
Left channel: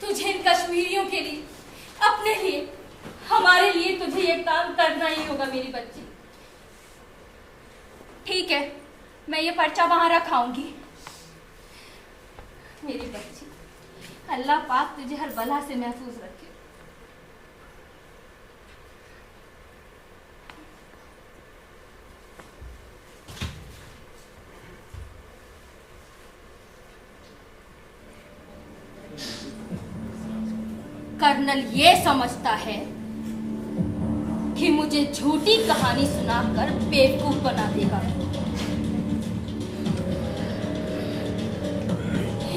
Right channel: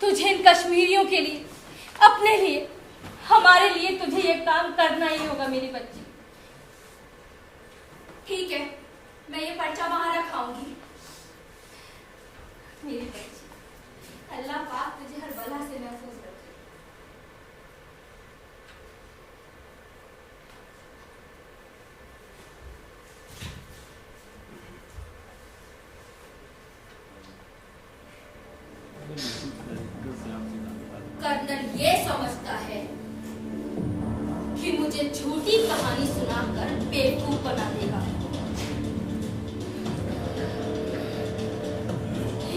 तुझे इन कश्मीरियों के लिए, अपने लिए, हमारे लिए तुझे ये काम करना ही होगा मेरी बच्ची। ठीक है, मैं ये पर्चा वहां रखाऊंगी। मेरी बच्ची, अल्लाह पाक तुझे हर बला से महफूज रखे। कर्नल ये समझता है कि मुझे झूठी कहानी सुनाकर बेवकूफ बना देगा।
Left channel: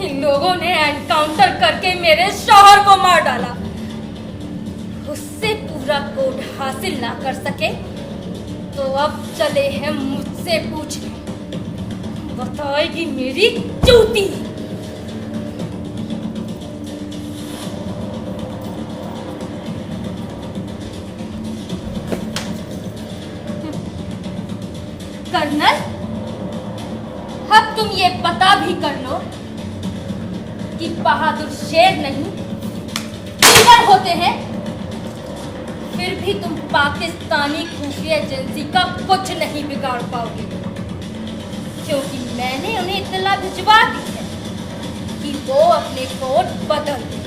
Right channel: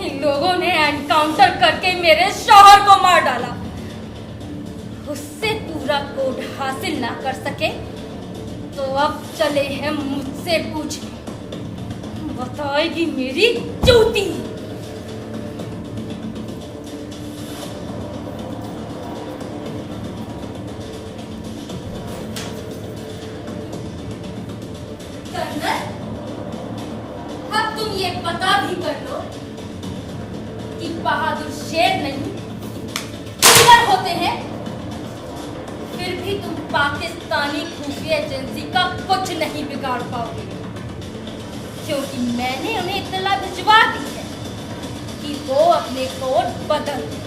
इन लोगों ने एनकाउंटर करके मेरे शौहर को मार डाला। उससे पूरा कोड हासिल ना कर सके तो अब चले हैं मुझसे पूछने। बताएगी मेरी चूती। कर्नल, अब तुम ये पता भी कर लो कि बहादुर शेर नहीं लीडर होते हैं। फिर भी तुम पाकिस्तानी खुफिया एजेंसी का कुछ नहीं बिगाड़ पाओगे, क्योंकि मैंने उन्हें इत्तला भिजवा दी है कि वो अपने कोड बदल दें।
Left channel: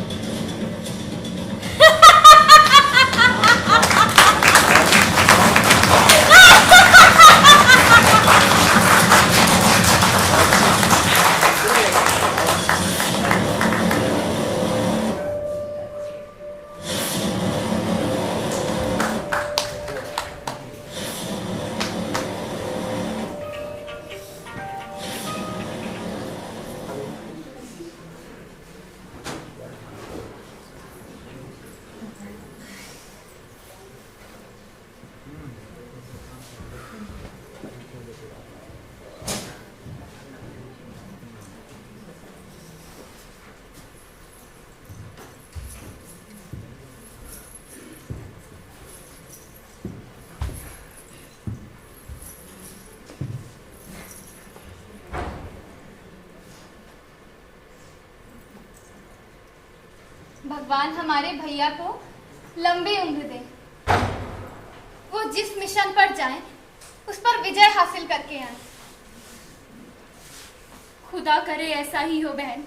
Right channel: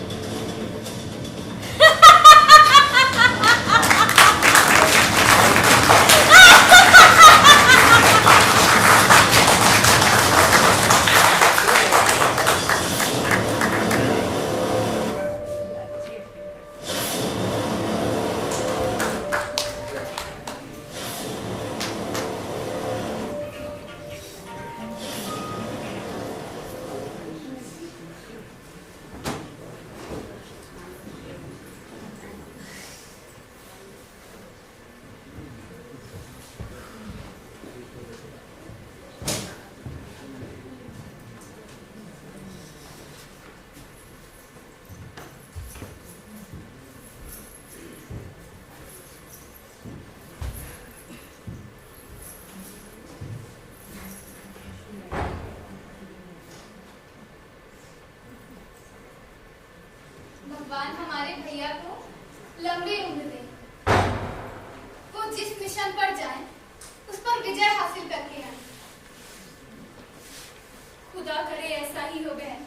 भगवान हमारे भैया को लंबी उम्र दे। वो जिस मिशन पर जाएं, उस पर विजय हासिल करके आए। खुदा करे ऐसा ही हो बहन।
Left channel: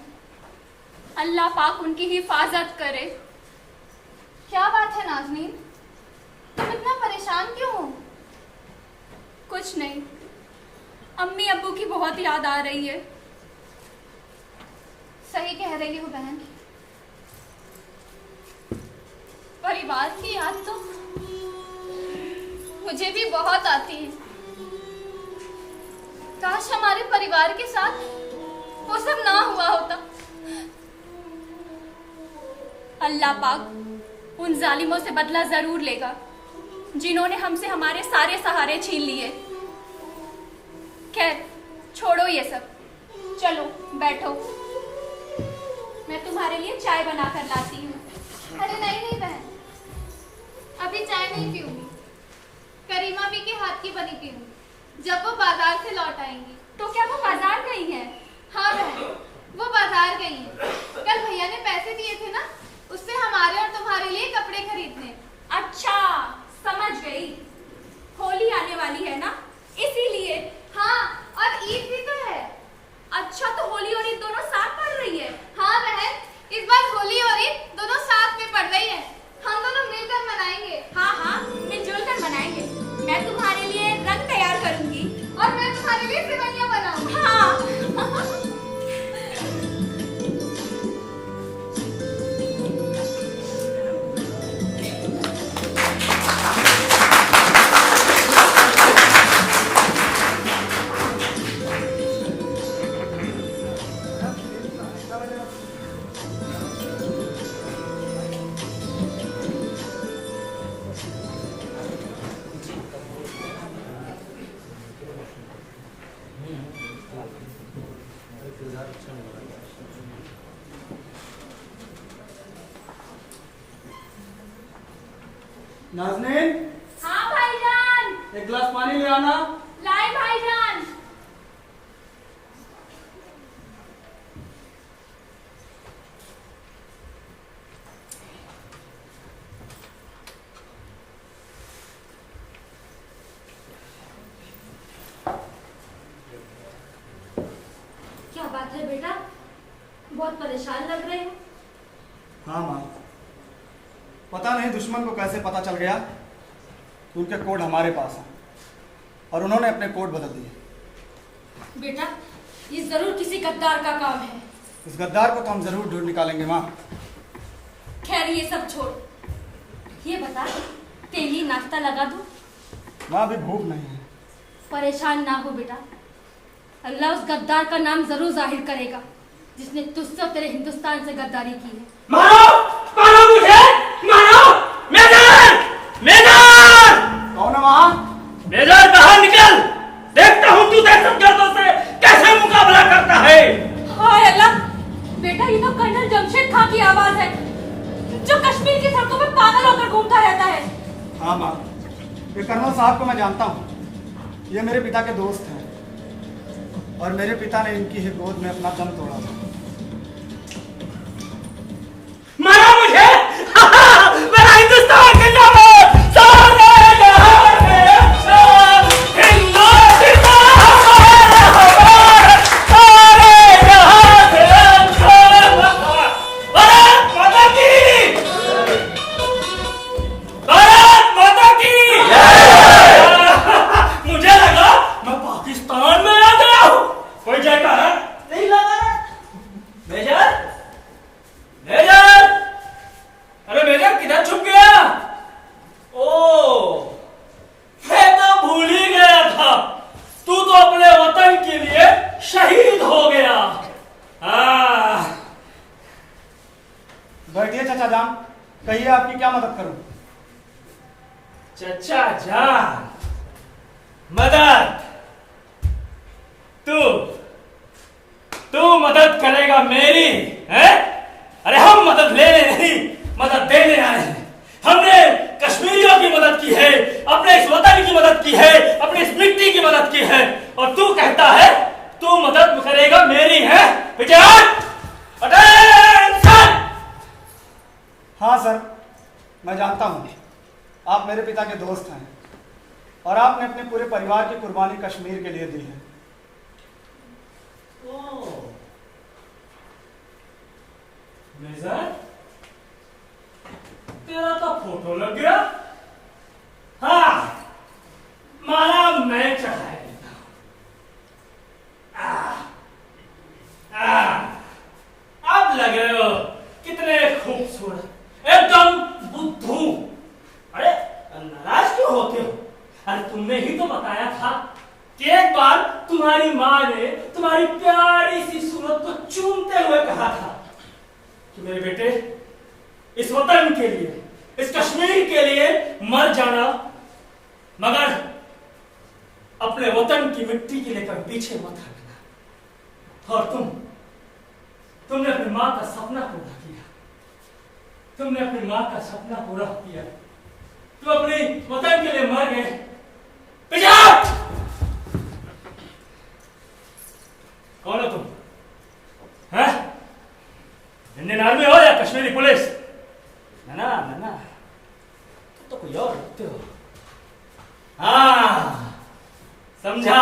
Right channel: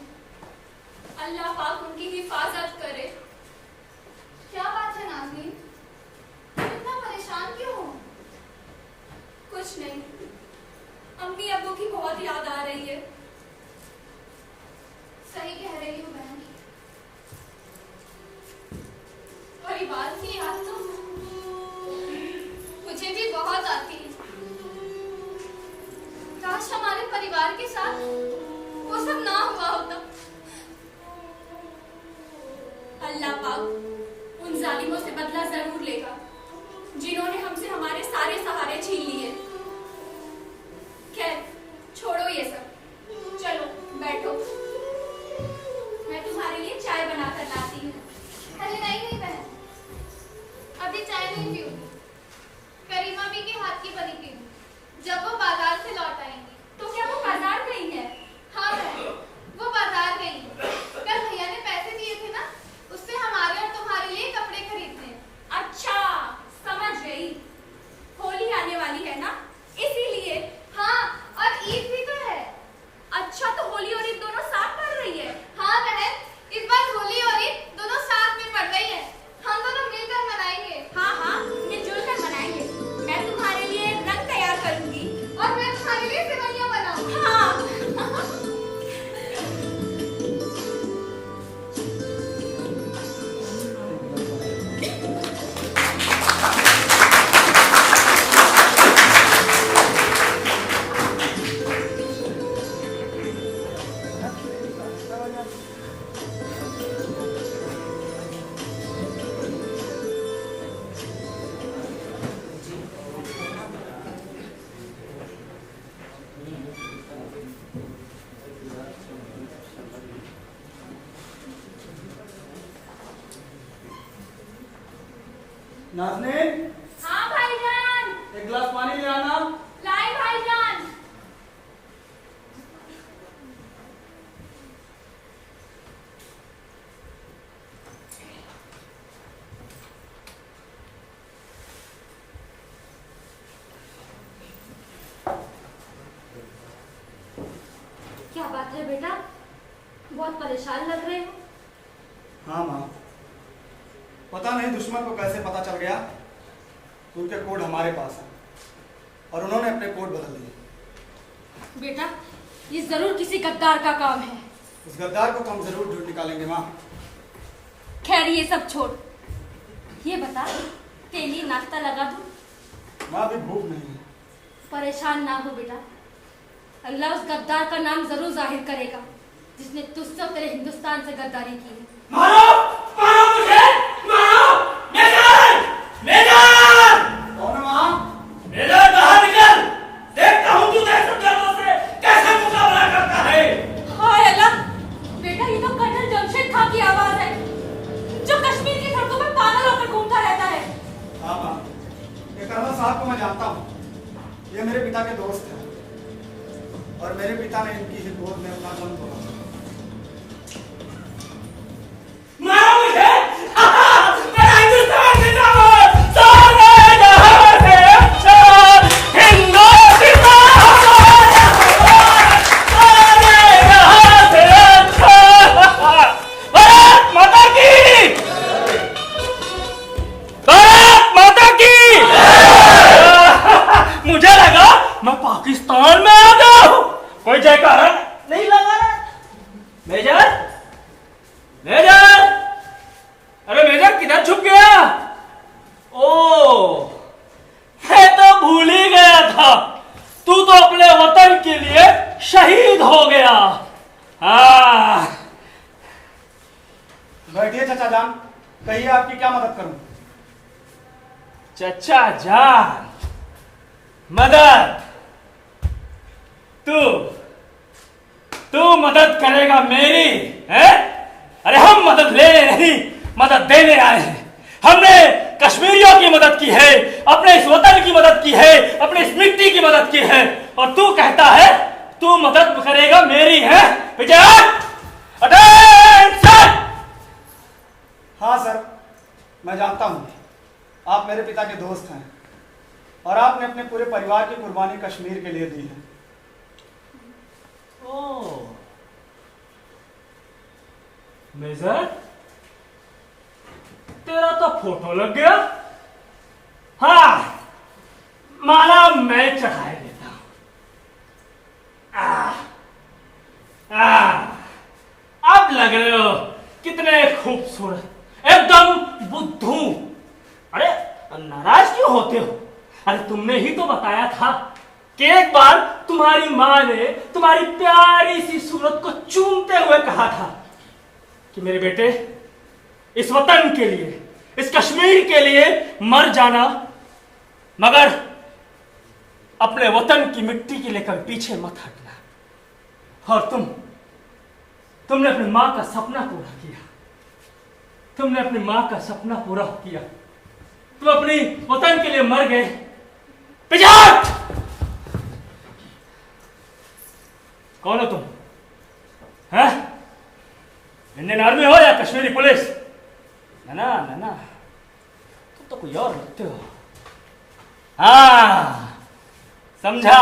अल्लाह पाक उनकी हिफाजत करे। क्या बात है नाज़नीन, तुम इतना परेशान क्यों हो? कुछ नहीं, अम्मी अब्बू की बहुत याद आ रही है। सही कह रही हो बहन, परिवार की याद तो मुझे भी बहुत आती है। काश हमारे परिवार के साथ वो सब ना हुआ होता। अल्लाह पाक उन जालिमों से बदला जरूर लेगा जिन्होंने हमसे हमारे सारे सहारे छीन लिए। खैर छोड़ो ये सब, चलो बैठो, मैं तुम्हारे लिए चाय बनाकर लाती हूँ। अरे नहीं नहीं बहन, अभी चाय नहीं पीऊंगी, करीमा भी के हाथ की बनी पीऊंगी जब वो बाजार से लौट आएंगी। तो क्या वो बाजार गई है? हाँ बहन, वो बाजार गई है। कल भैया ने पैसे दिए थे ना, उससे हमारे और तुम्हारे लिए कपड़े खरीदने। अच्छा समझ गई, होली आने वाली है ना इसीलिए। हाँ, और ईद भी तो है। अच्छा, तो होली और ईद दोनों साथ पड़ रही है? हाँ बहन, इस बार होली और ईद दोनों साथ में पड़ रही है। हम दोनों मिलकर मनाएंगे। हाँ हाँ, मिलजुल कर मनाएंगे। मैं तुम्हारे लिए रंग तैयार करूंगी और मैं तुम्हारे लिए सिवैयां बनाऊंगी। हाँ नाज़नीन, हाँ भाईजान। एक गिलास पानी ले आना। लाए भाईजान। क्या बात है बेटा, बहुत परेशान लग रहे हो। हाँ माँ, पता नहीं दुश्मन को कैसे पता चल गया कि उनके कोड हमारे पास हैं और उन्होंने अपने कोड बदल दिए। बेटा, ये जरूर किसी गद्दार का काम है। उस गद्दार को तो हम जरूर ढूंढ निकालेंगे माँ। खैर ये सब छोड़, ये बता तेली नाश्ता लगा दूं? माँ अभी भूख नहीं है। परेशान ना हो बेटा, अल्लाह उस गद्दार का नाम जरूर जाहिर करेगा जिसने तुझसे और तेरे हिंदुस्तान से गद्दारी की है। मारो! मारो मुझे! मारो! मेजर! मेजर! कौन है माँ? मेजर बाहर निकल! देखता हूँ तू दहशतगर्दों से कैसे मुकाबला करता है। हाय अल्लाह! बेटा ये तो कर्नल जमशेद खां की आवाज है, जो कश्मीर की सड़कों पर पागल होकर घूमता रहता है। हाँ माँ, ये कर्नल साहब को मैं जानता हूँ। ये मेरे पिता के दोस्त हैं और मेरे पिता ने इनकी ही गोद में अपना दम तोड़ा था। मारा मुझे! मेरा हिंदुस्तान जिंदाबाद! सारे जहां से अच्छा हिंदुस्तान हमारा, सारे जहां से अच्छा। भारत माता की! भारत माता की! मुझे लगा मैं पाकिस्तान में आ गया हूं। कोई जयकारा नहीं लगा रहा। मेजर! मेजर! अरे मेजर किधर छुप गया? ओ, मैं तो भूल ही गया था, तू तो अपने वतन के लिए शहीद हो गया। हाँ। बैठिए चाचा जान, कहिए आपकी क्या मदद करूं? चचा जान, मदद? तू मदद करेगा मेरी, है? अरे हम मदद लेने नहीं, मदद देने आए हैं। हमने कश्मीरियों की मदद की है, अपने इस वतन की मदद की है, अपनी इस मिट्टी की मदद की है, और तू कहता है तू मदद करेगा मेरी, है? विजय! अटेंशन! हाँ सर, मैं जानता हूँ आप मेरे पिता के दोस्त हैं और आपने अपने पूरे परिवार की कुर्बानी कश्मीर के लिए दी है। मेजर, तेरा तो फोटो लग गया। हाँ, माला मैं चढ़ाए देता हूं। अब लग रहे हो कितने खूबसूरत, एकदम बुद्धू। अरे नाराज क्यों होते हो? अरे तुमने ही तो बताया था कि एक बार तुम्हारी माँ ने तुम्हारी प्यारी सी सूरत को चूमते हुए कहा था कि मेरे बेटे, इस वतन के लिए, इस कश्मीर के लिए मर जाना, मगर अपने वतन की मिट्टी के लिए कभी पीछे मत हटना। और तुमने अपनी मां का सपना पूरा किया। तुमने अपनी मां का सपना पूरा किया। तुम अपनी वतन के लिए मर गए। पिजाक! कौन हो तुम? हैं? इंडियन आर्मी हो या कश्मीरी पुलिस? ना, तुम तो कोई और लगते हो। हाँ, समझा।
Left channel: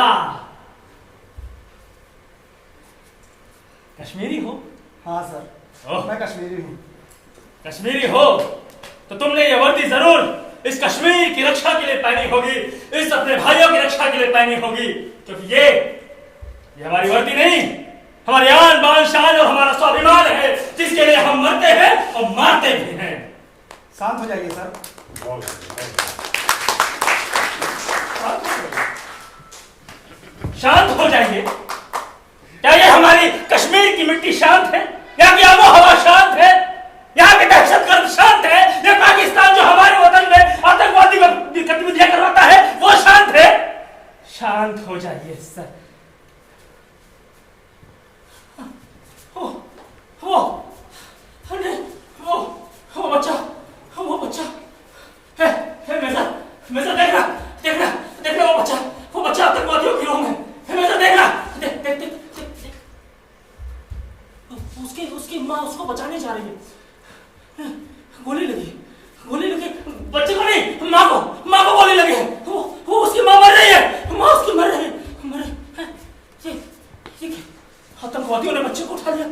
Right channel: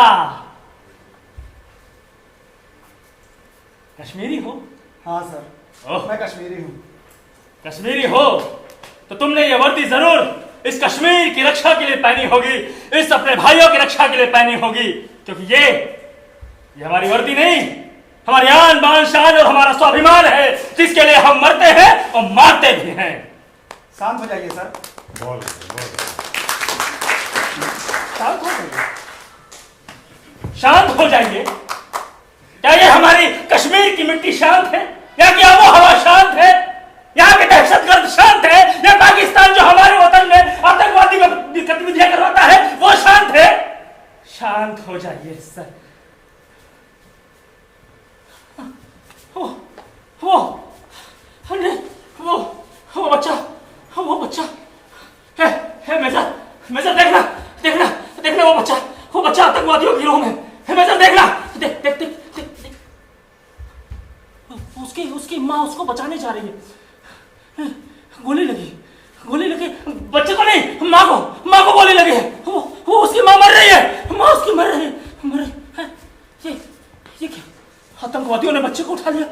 कश्मीरी हो? हाँ सर, ओह। मैं कश्मीरी हूँ। कश्मीरी हो तो तुमने ये वर्दी जरूर इस कश्मीर की रक्षा के लिए पहनी होगी, इस अपने भाइयों की रक्षा के लिए पहनी होगी, क्योंकि ये हमारी वर्दी नहीं, हमारी आन बान शान और हमारा स्वाभिमान है, जिसके लिए हम मरते हैं और मारते भी हैं। शांत हो जाइए सर। शांत हो जाइए। शांत हो जाइए? क्या ये हमारी कश्मीर की मिट्टी शांत है? यहाँ की आबो हवा शांत है? यहाँ के दहशतगर्द शांत है? या पाकिस्तान जो हमारे वतन में आतंकवादी गतिविधियां करवाता है वो शांत है? शांत हो जाइए सर। वो बच्चा है मेजर देखना वो बच्चा आतंकवादियों की गिरोह में है। मेजर देखना, देख उसकी माँ उसको बचाने जा रही है। गोली लगी बच्चे को नहीं, माँ को गोली लगी है। वो उसकी माँ मर रही है। माँ उसकी मर रही है। ये क्या? आतंकवादियों ने बच्चे को उठा लिया।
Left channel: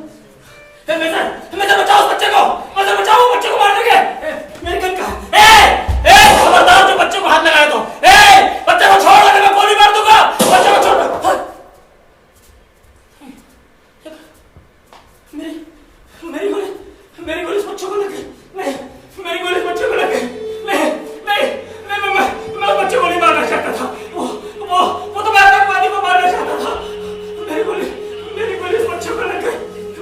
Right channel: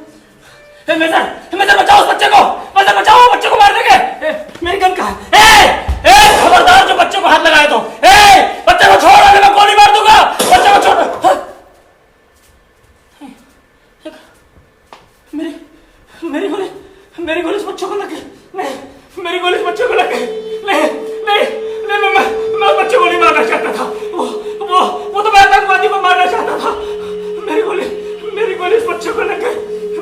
मेजर बचाओ उस बच्चे को, मेजर बचाओ बच्चे को मार देंगे। मेरी गन कहाँ है? खबरदार जो बच्चे को हाथ लगाए तो, बच्चे को छोड़ दे, मैं गोली मार दूंगा। बच्चे को छोड़। मेरी गोली इस बच्चे को लग गई। नहीं, मेरी गोली इस बच्चे को लग गई। नहीं, मैं बच्चे को नहीं मारना चाहता था। वो तो मैं आतंकवादी को मारना चाहता था। मेरी गोली इस बच्चे को लग गई।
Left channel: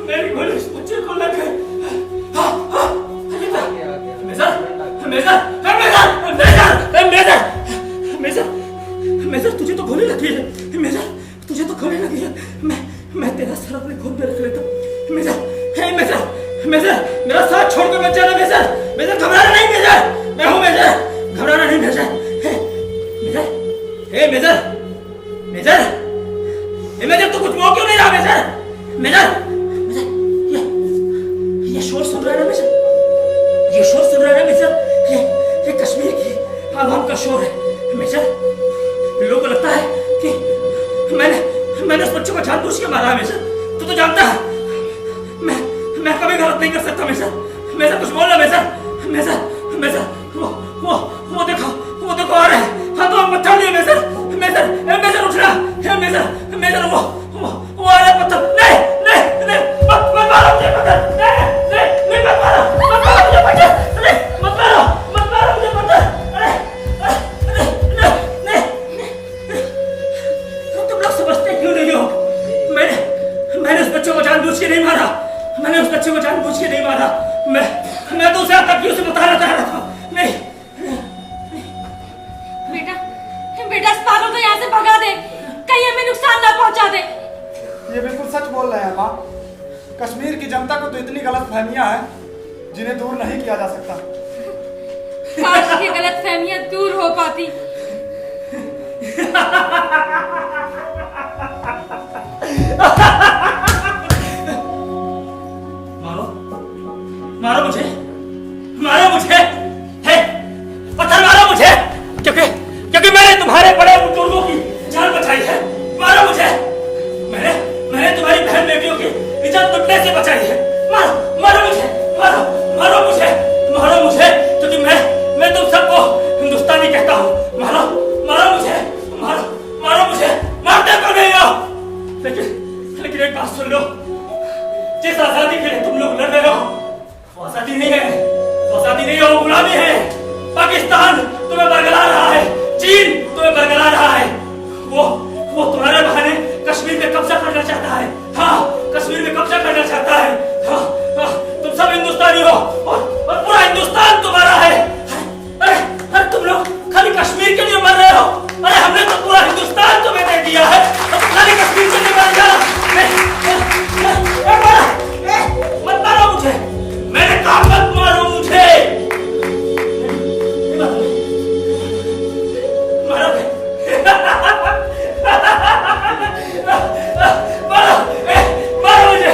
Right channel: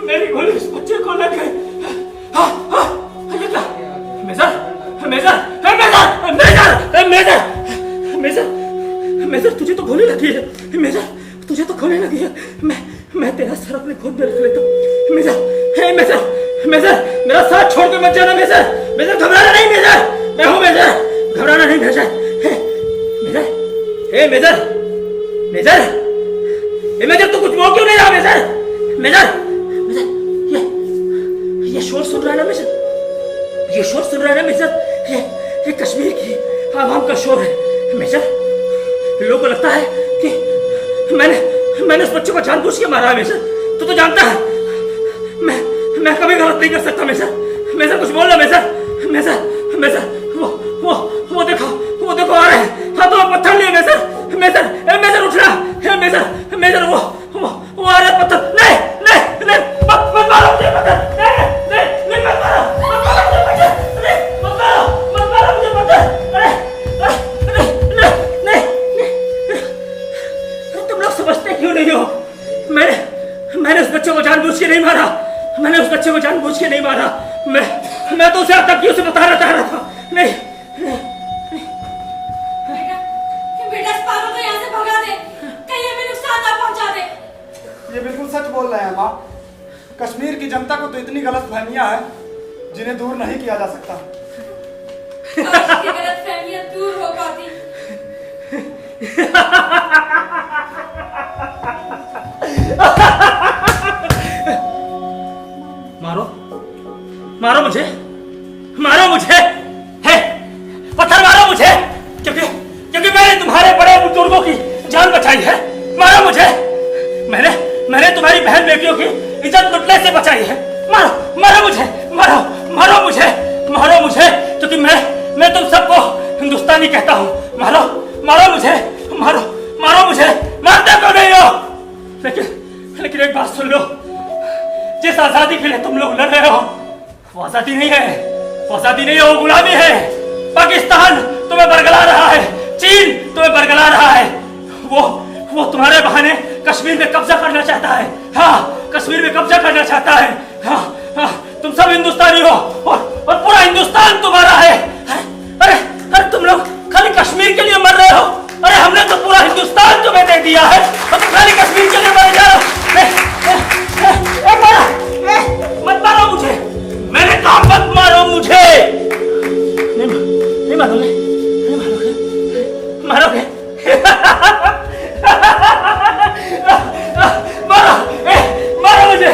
मेरी गोली इस बच्चे को लग गई। मेजर तुझे तो गोली लगी है। मेजर तुझे तो गोली लगी है। मैं तेरा सर अपने खुद में रख लेता हूँ। मेजर मेरा साथ छोड़ के मत जाना। मेजर घबराना नहीं। मेजर मैं हूँ। मेजर घबराना नहीं। मेजर तू कुछ बोल क्यों नहीं रहा? मेजर ये शोर सुन रहा है ना मेजर? ये शोर सुन रहा है ना मेजर? ये कश्मीर की आवाम का शोर है मेजर। लोगों को लगता है कि मैंने उस बच्चे को जानबूझ के मारा है मेजर। तू तो जानता है मैं कभी गलत नहीं कर सकता मेजर कुछ बोल रहा मेजर वो देखो आ रहे हैं। हाथों में पत्थर लिए मेजर उठ रहा। मेजर वो आ रहे पत्थर। नहीं मत मारो मुझे पत्थर। नहीं मत मारो मुझे पत्थर। मत मारो मुझे पत्थर। नहीं तुम लोग समझते क्यों नहीं हो? मैंने उस बच्चे को जानबूझ के नहीं मारा। मैं तो उसे आतंकियों से बताना चाह रहा था। नहीं बेटा इस पागल को यहाँ से भगा दे, कहीं हमें नुकसान ना पहुँचा दे। ये बिल्कुल सच बोल रहे हैं माँ। कश्मीर की जनता को तो इतनी गलत फहमियाँ हैं जिन्हें दूर नहीं किया जा सकता। काश ये गलत फहमियाँ दूर हो पाती। मारो मुझे पत्थर मारो मुझे, क्योंकि मैंने तुम्हारे बड़े बुजुर्गों की जान बचाई है। मारो मुझे। मैंने तुम्हारी बहन बेटियों की इज्जत लुटने से बचाई है। मारो मुझे, क्योंकि मैं तुम सबको हिंदुस्तानी कहता हूँ। मारो मुझे। मारते क्यों नहीं हो? लेकिन एक बात सुन लो, जिस आजादी के लिए तुम लोग लड़ रहे हो वो आजादी नहीं है, वो गुलामी है। पाकिस्तान तुम्हें बरगला रहा है, चीन तुम्हें बरगला रहा है। वो तुम्हारे बहाने कश्मीर में कब्जा करना चाहता है। कश्मीर में कब्जा करना चाहता है। तुम सब हिंदुस्तानी हो और पूरा हिंदुस्तान तुम्हारा है। अरे तुम लोग खाली कश्मीर के लिए मर रहे हो। अरे हमने तो पूरा हिंदुस्तान तुम्हें दे दिया है, अब तुम खाली कश्मीर के लिए मर जा रहे हो। मत मारो मुझे, मैंने कहा मत मारो मुझे। नहीं मारोगे। मारो मुझे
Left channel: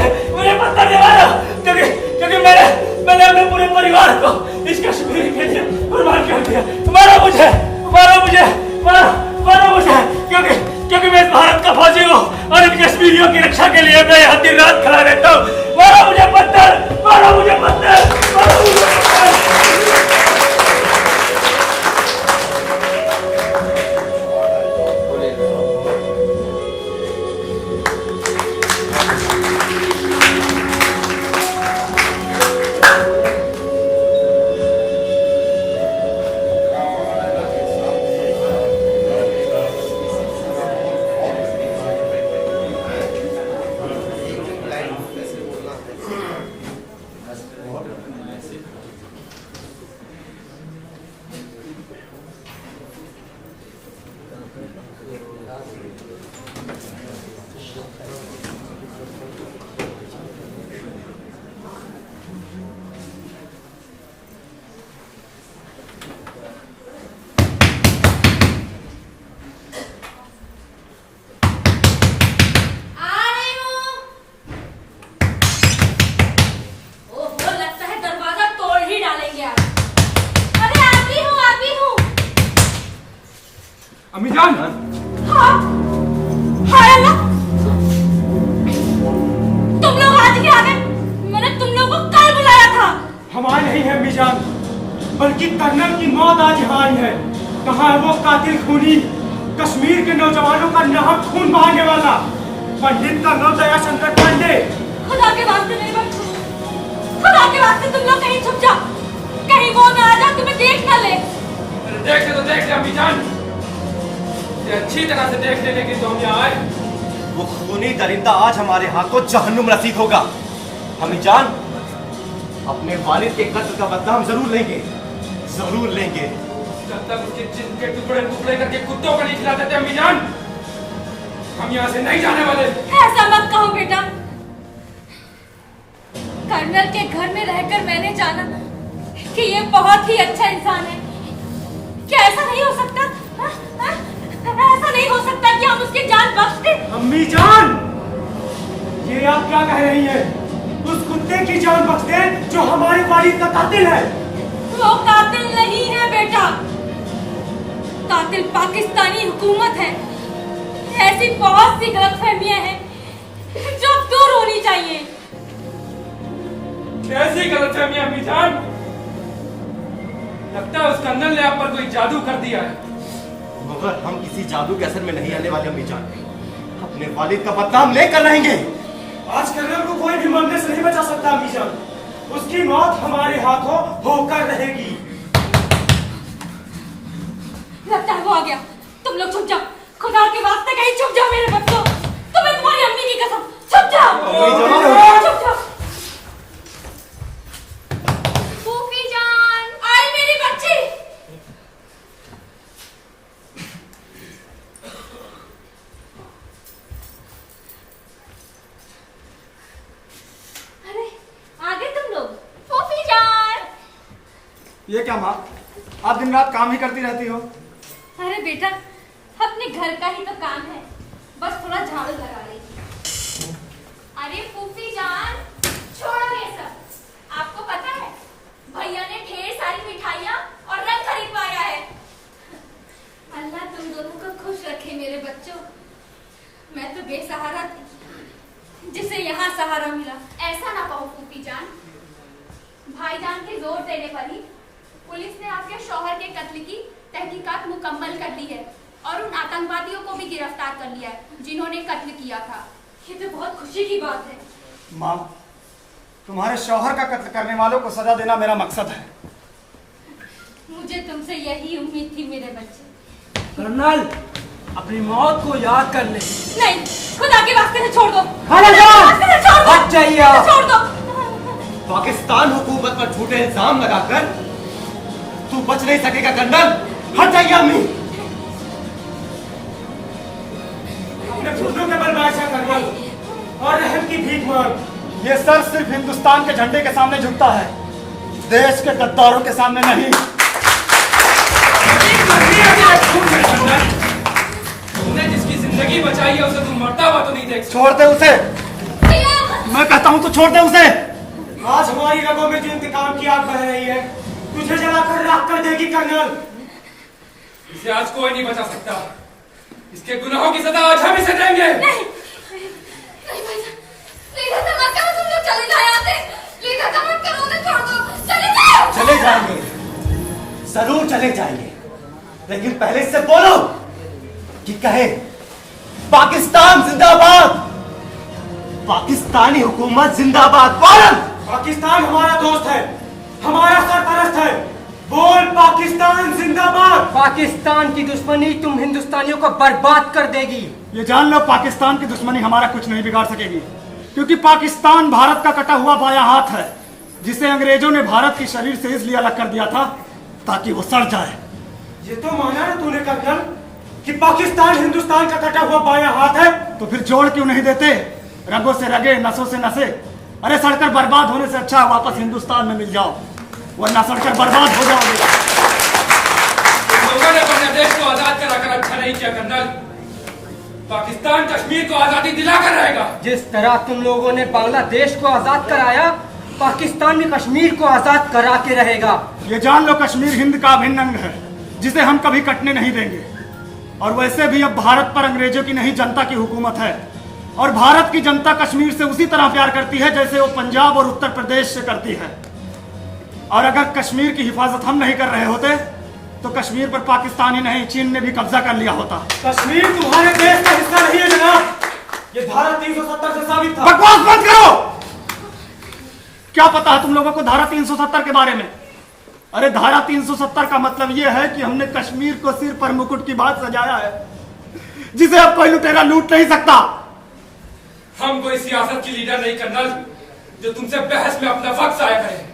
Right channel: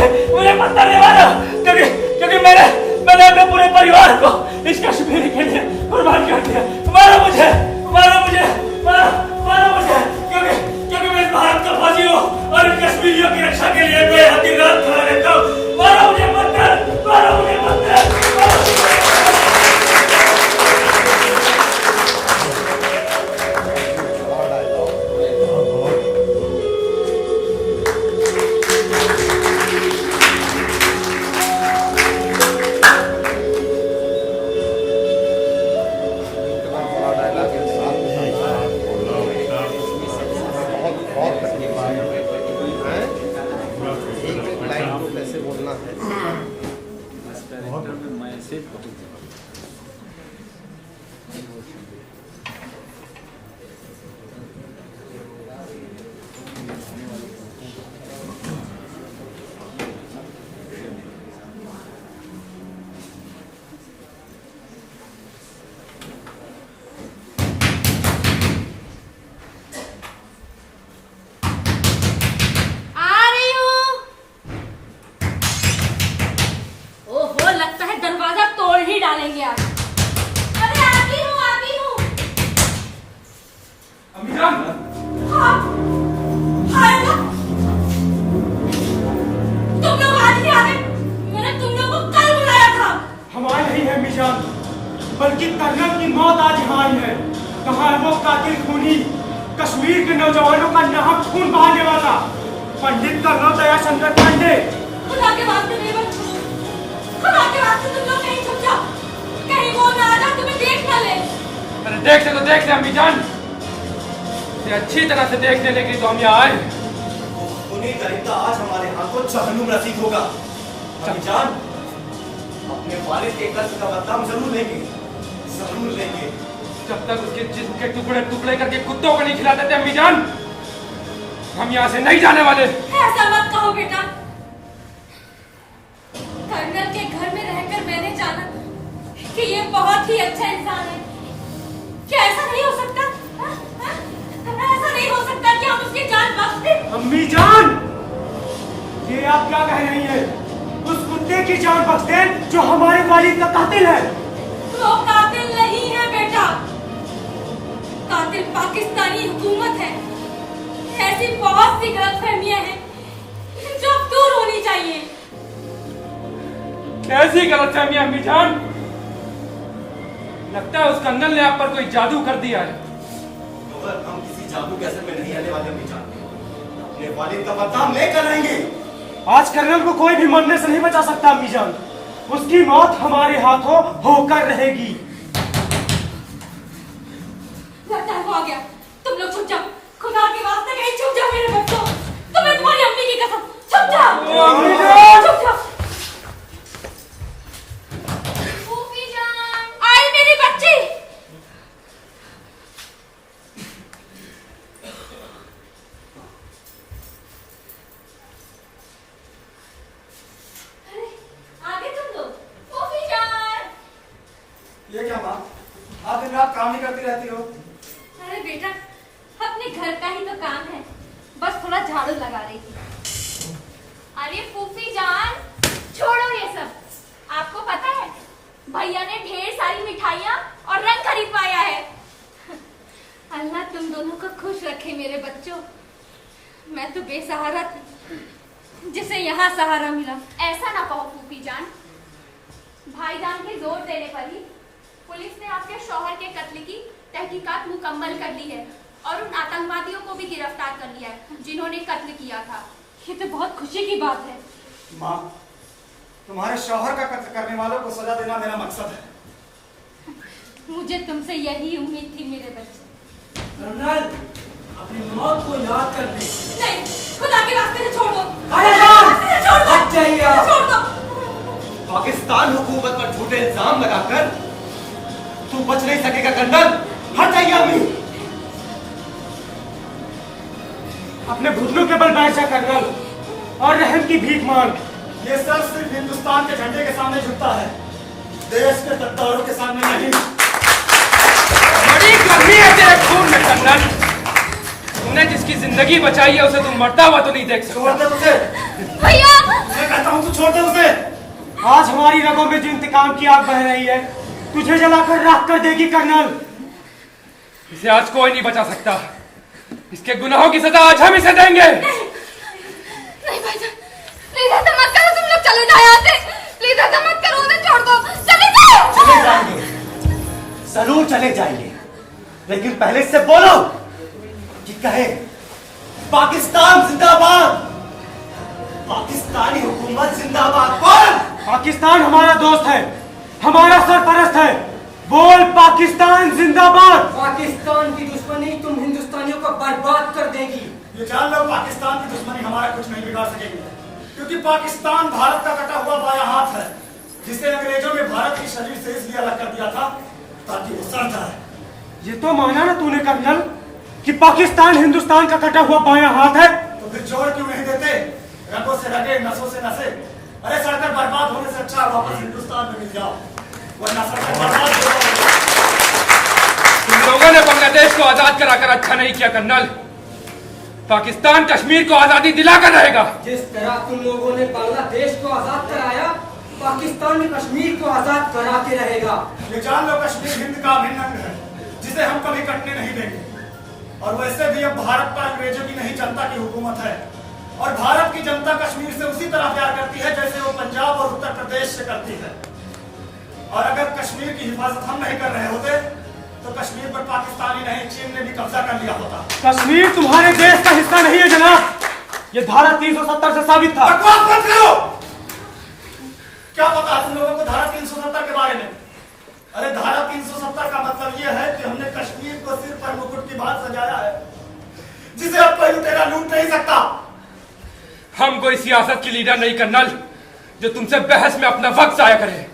पत्थर नहीं मारो, क्योंकि मैंने अपने पूरे परिवार को इस कश्मीर के लिए कुर्बान कर दिया। मारो मुझे, क्योंकि मैं इस भारत का फौजी हूँ और इन कश्मीरियों की रक्षा के लिए मैं हर दिन रात खड़ा रहता हूँ। मारो मुझे पत्थर। बल्कि कर्नल की मौत आज यहाँ आई है। कहाँ है वो कातिल खूनी, कश्मीर के नौजवानों का नाहक खून बहाने वाला पंडित कर्नल दयाचंद्र पांडे? खुदा के वास्ते मेरे बच्चों, खुदा के वास्ते तुम लोग कहीं छुप जाओ, कहीं वो ना आ जाए तुम्हें देख ना ले। अरे देख ले तो देख ले अम्मी जान, ये अच्छी तरह से देख लेने के लिए तो हम यहाँ आए। वो खूनी दरिंदा आज हमारे हाथों जहन्नुम रसीद होगा। अम्मी जान, अपने वालिद के कत्ल का बदला हम जरूर लेंगे, जरूर लेंगे। जब तक उसके जिस्म के टुकड़े टुकड़े करके कुत्तों को नहीं खिला देते अम्मी जान, हम यहाँ से नहीं जाने वाले। ऐसा मत कहो बेटा, कर्नल के घर में रहकर मैंने जाना कि ये बहुत ही अच्छा इंसान है। क्या ऐसा नहीं हो सकता? ऐसा नहीं हो सकता कि हम उसकी जान बख्श दें? अम्मी जान, ये आप क्या कह रही हैं? उस कुत्ते की जान बख्श दें जो हमारे वालिद का कातिल है। वो कातिल नहीं है बेटा, कातिल पाकिस्तानी हुकूमत है। ऐसी बहुत सी गलतफहमियां हैं जो दूर होनी चाहिए। कैसी गलतफहमियां अम्मी जान? लगता है उस कर्नल ने आप पर कोई जादू कर दिया है। मगर हम किसी जादू के असर में नहीं आने वाले अम्मी जान। अपने वालिद का बदला हम लेकर रहेंगे। आज कर्नल को कोई भी मरने से नहीं बचा सकता अम्मी जान। उसकी मौत हमारे हाथों होकर रहेगी। लगता है वो आ गया। तुम लोग छुप जाओ, खुदा के वास्ते कहीं छुप जाओ मेरे बच्चों। तुम्हें तुम्हारी अम्मी की कसम, छुप जाओ, छुप जाओ। फूफी जान, आई मेरी बच्ची। अरे आ गए तुम लोग। फूफी जान। ये क्या माँ, आप दिन रात काम ही करती रहती हो? अरे बेटा, अपने घर का ही तो काम है, बस थोड़ा झाड़ू लगा रही थी। अरे फूफी जान, छोड़ो ये सब। आपको पता है भैया ने ढेर सारी मिठाइयाँ और रंग खरीदवाया है। अल्लाह तुम दोनों को खुश रखे मेरे बच्चों। मैं तो बेसहारा थी, जिसे यहाँ सहारा मिला। ऐसा ना कहो फूफी जान, भाईजान के जोर देने पर ही पुलिस ने आपके शौहर के कत्ल की तहकीकात मुकम्मल कर ली है और उन आतंकवादियों को भी गिरफ्तार कर लिया है जिन्होंने कत्ल किया था। ये तो बहुत खुशी की बात है। माँ, तुम्हारे शौहर का कत्ल करने वालों को सजा देना मेरा मकसद है। मुझे तुमसे यही उम्मीद थी मेरे बच्चे। कर्नल, अपनी मौत को याद कर ले। नहीं, खुदा के वास्ते से छोड़ दो। अरे जान, वास्ते से छोड़ दो। हट जाइए आप। छोड़ दो। पाकिस्तान हुकूमत पर झूठे इल्जाम लगाकर तू बच नहीं सकेगा कर्नल। हट जाइए अम्मी। अपने घुटनों के बल बैठ जा कर्नल और रहम की भीख मांग। ये सर सिर्फ हिंदुस्तान के झंडे के सामने झुकता है, देश के गद्दारों के सामने नहीं। बड़ी गर्मी है तेरे खून में कर्नल। तुमने जिसकी जिंदगी बचाई है उसे तुम मरता हुआ तो नहीं देख सकते। छोड़ दे उसे। भैया, मैं कहता हूँ तो छोड़ दे उसे। आज हमारी रगों में जो इंतकाम की आग बह रही है, तुझे जलाकर राख कर देगी कर्नल। इसे आज कोई नहीं बचा सकता। इसके गुनाहों की सजा आज हम इसे देंगे। नहीं, नहीं भाईजान, प्लीज ऐसा मत करो। तुम लोग चले जाओ यहाँ से। प्लीज ऐसा मत करो, उन्हें छोड़ दो। चले जाओ। चले जाएंगे, जरूर चले जाएंगे, लेकिन पहले इससे बोलो कि कहे पाकिस्तान जिंदाबाद, पाकिस्तानी हुकूमत जिंदाबाद। बोल। पाकिस्तान हमारा दोस्त है, हमारा सरपरस्त है। बोल पाकिस्तान जिंदाबाद। पाकिस्तान की दुश्मनी तुम हिंदुस्तानियों को बर्बाद कर देगी। ये जान लो, पाकिस्तान की दुश्मनी हमारा कुछ नहीं बिगाड़ सकेगी, क्योंकि पाकिस्तान भारत का कटा हुआ बायां हाथ है, जिसे अंग्रेजों ने भारत के शरीर से इसलिए अलग कर दिया था ताकि वो सड़ जाए। ये तो माना ना तूने कर्नल कि पाकिस्तान हिंदुस्तान का कटा हुआ बायां हाथ है। तो फिर जोड़ क्यों नहीं देते? रगों से रगे, नसों से नसे। अरे सड़कर बर्बाद होने से अच्छा वापस हिंदुस्तान में मिल जाओ, वरना सड़कर बर्बाद हो जाओगे। तुम लोगों ने बांग्लादेश को आजाद कराकर अच्छा नहीं किया कर्नल। पाकिस्तान कश्मीर को आजादी दिलाकर रहेगा। जिस तरह तुम लोगों ने बांग्लादेश को आजाद कराया, पाकिस्तान में कश्मीर को आजाद करा के रहेगा। ये जान लो, कश्मीर हिंद का अभिन्न अंग है, जिसे हम कभी कटने नहीं देंगे। और वैसे भी अब भारत पर अंग्रेजों की नहीं, जनता की हुकूमत है, और भारत की जनता कश्मीर से उसी तरह प्यार करती है जैसे वो पंजाब और उत्तर प्रदेश से करती है। और अगर कश्मीर की हिफाजत हम नहीं कर रहे होते तो कश्मीर पर पाकिस्तान ही नहीं चीन ने भी कब्जा कर लिया होता। कश्मीर तुम्हारे देश का हिस्सा नहीं है जनाब, ये धारा 370 से साबित था। बकवास बंद करो। क्या पता है तुम लोगों को धारा 370 के बारे में? अरे धारा 370 का मतलब यह है कि हमने कश्मीर को सिर पर मुकुट की बात सजाया है, जिसे अब कोई लुटेरा लूट नहीं सकता। हम कोई सियासत की लीडर नहीं कर्नल जो तुमसे बहस में अपना वक्त जाया करे।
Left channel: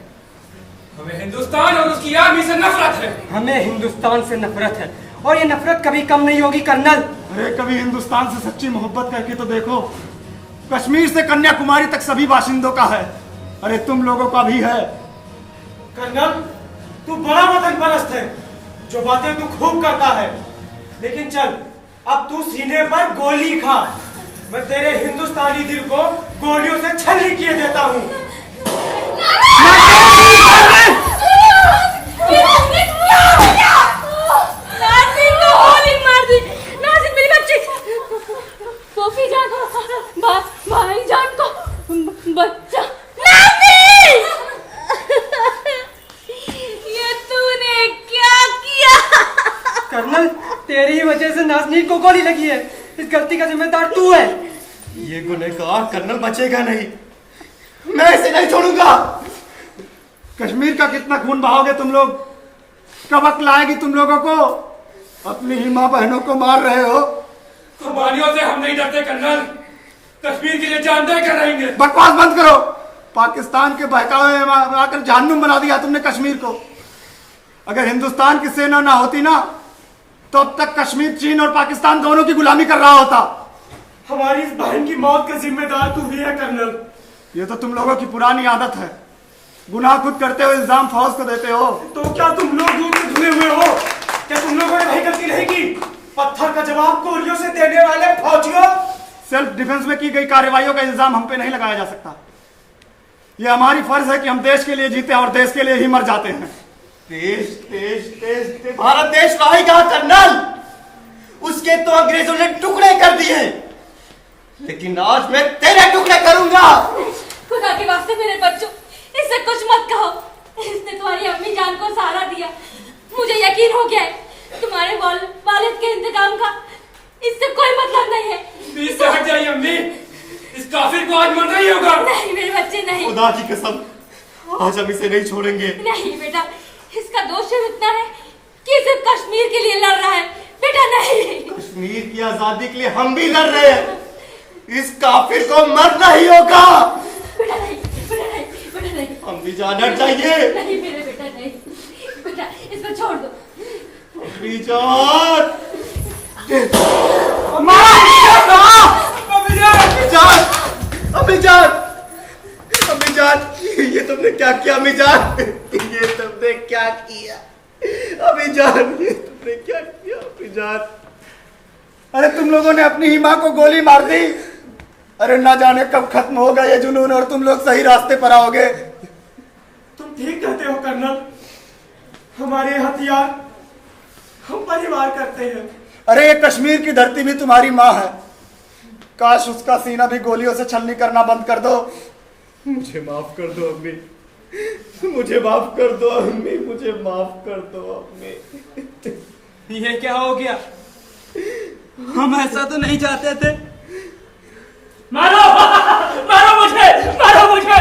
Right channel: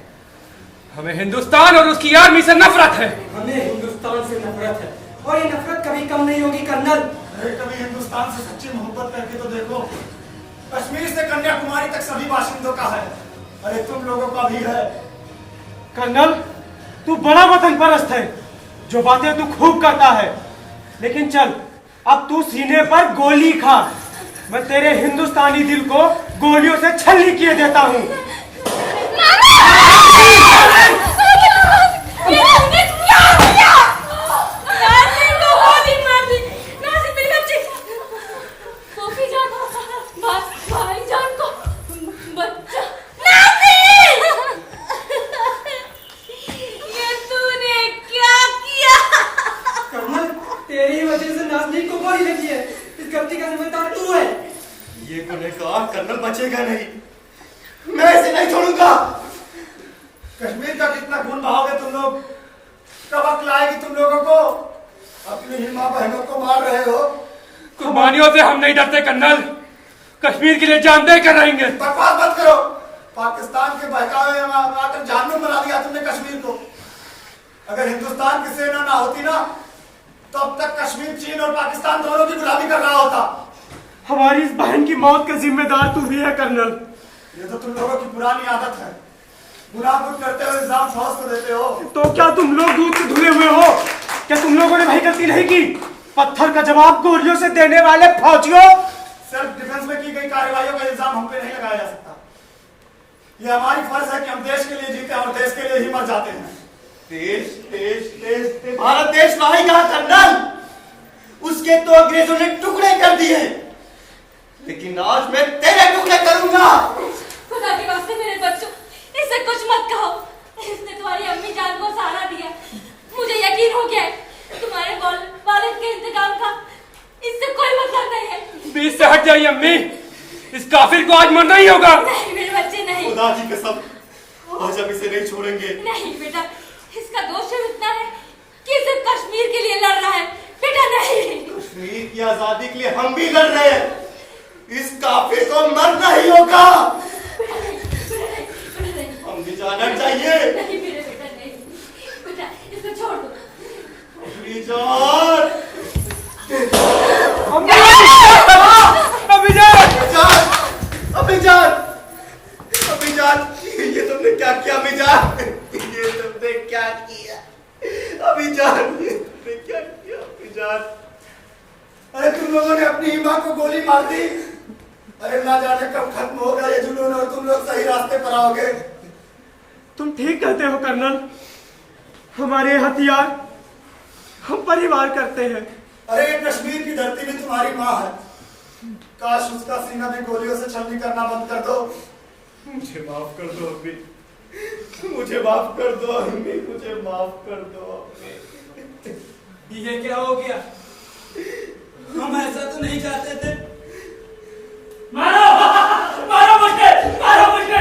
हमें हिंदुस्तान और उसकी आर्मी से नफरत है। हमें हिंदुस्तान से नफरत है और ये नफरत कभी कम नहीं होगी कर्नल। अरे कभी हिंदुस्तान से सच्ची मोहब्बत करके तो देखो। कश्मीर से कन्याकुमारी तक सभी बाशिंदों का है। अरे तुम लोगों का भी है। कर्नल तू बड़ा वतन परस्त है, जो बातें तू खूब करता है, लेकिन चल अब तू सीने पर गोली खा। मैं तेरे हिंदुस्तानी दिल को गोलियों से छलनी किए देता हूँ। भाईजान को बच्चा ये तूने क्या किया? कर्नल तेरी वजह से नाज़नीन को गोली लगी है, इस गलती का जिम्मेदार तू है। ये गुनहगार कर्नल बचेगा नहीं, मैं इसे नहीं छोड़ूंगा। कश्मीर का कितना खून बहाओगे तुम लोग? कब अक्ल आएगी तुम लोगों को? अपनी ही माँ बहनों को मार रहे हो। कुर्बानियों से हम नहीं डरते कर्नल, कश्मीर के लिए जान दे कर रहेंगे। बकवास बंद करो। पाकिस्तान के बहकावे में आकर जहन्नुम बना दिया तुमने कश्मीर को। अगर हिंदुस्तान की सेना ना होती ना तो अब तक कश्मीर चीन और पाकिस्तान दोनों की गुलामी कर रहा होता। हमारी इस बहन की मौत का जिम्मेदार तू भी है कर्नल। ये तो तुम लोगों की पुरानी आदत है, गुनाह खुद करते हो, इल्जाम फौज को देते हो। तो क्या तुम लोग दूध से धुले हुए हो? क्या तुम लोगों ने भाई गलती नहीं की? पत्थर का जवाब गोलियों से देने वाले फौजियों। सेल्फ डिफेंस में की गई कार्रवाइयों का इल्जाम हम पे नहीं लगाया जा सकता। ये हमारी फर्ज है कि हम देश के लिए जीते और देश के लिए ही मर जाते हैं। देश देश देश, देश भारत देश रहा कहा कर्नल? उसके तो अंग्रेजों ने टुकड़े कर दिए, लेकिन आज मैं तेरे टुकड़े करूंगा। खुदा के वास्ते मेरे बच्चों, इससे कुछ मत कहो। इसने तुम्हारी अम्मी जान को सहारा दिया। मुझे यकीन हो गया है तुम्हारे वालिद के इंतकाम का इससे कोई मतलब नहीं है। बीच से हट जाइए अम्मी, इस काफिर को आज मरना ही होगा। नहीं मेरे बच्चे नहीं। खुदा की कसम, आज हम इसे नहीं छोड़ेंगे। नहीं बेटा, इसका दोष सिर्फ इतना है कि सिर्फ कश्मीर के लिए लड़ रहा है। बेटा नहीं, कश्मीर की आजादी के लिए हम भी लड़ रहे हैं। इस काफिर को मरना ही होगा। बेटा नहीं, बेटा नहीं, बेटा नहीं। हम भी जाना चाहिए। नहीं मेरे बेटा नहीं। बेटा इसको छोड़ दो। जान, अम्मी जान, ये तुमने क्या किया? अम्मी जान, ये तुमने क्या किया? अम्मी जान, ये तुमने क्या किया? अम्मी जान, अरे तुम लोगों ने अपनी ही माँ को गोली मार दी। अरे ना जाने कब खत्म होगा ये जुनून और तुम लोग सही रास्ते पर आओगे। तुम ठीक कहते हो कर्नल, हमारे हथियार हम परिवार करते हैं। अरे ये कश्मीर की धरती भी तुम्हारी माँ है। काश उसका सीना भी गोलियों से छलनी करना बंद कर दो। मुझे माफ कर दो अम्मी, मुझे माफ कर दो अम्मी, मुझे माफ कर दो अम्मी। ये क्या हो गया? हम ऐसा तो नहीं चाहते थे। मारो, मारो मुझे, मारो मुझे।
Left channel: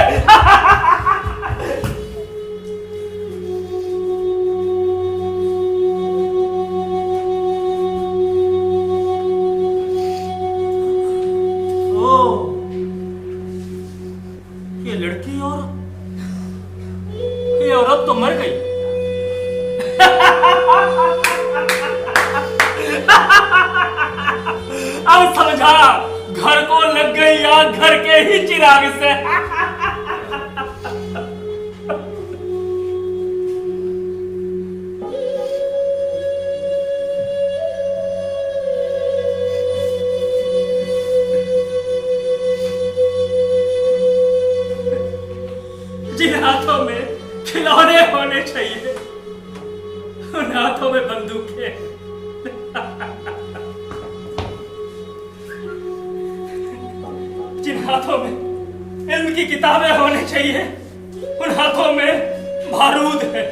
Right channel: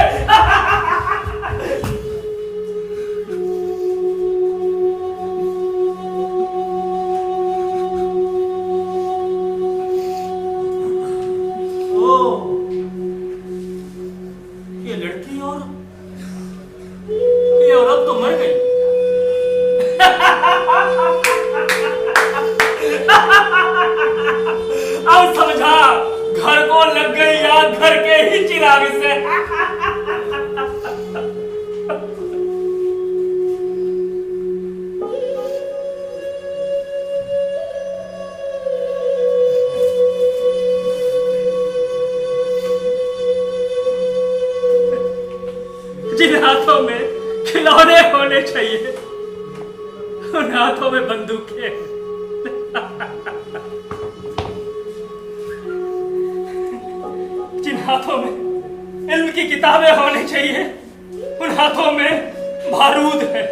ये लड़की और ये औरत तो मर गई। अब समझा, घर को लग गई आग घर के ही चिराग से। जिन हाथों में खिलौने होने चाहिए उन हाथों में बंदूकें। जिन हाथों में इल्म की किताबें होने चाहिए उन हाथों में बारूद है।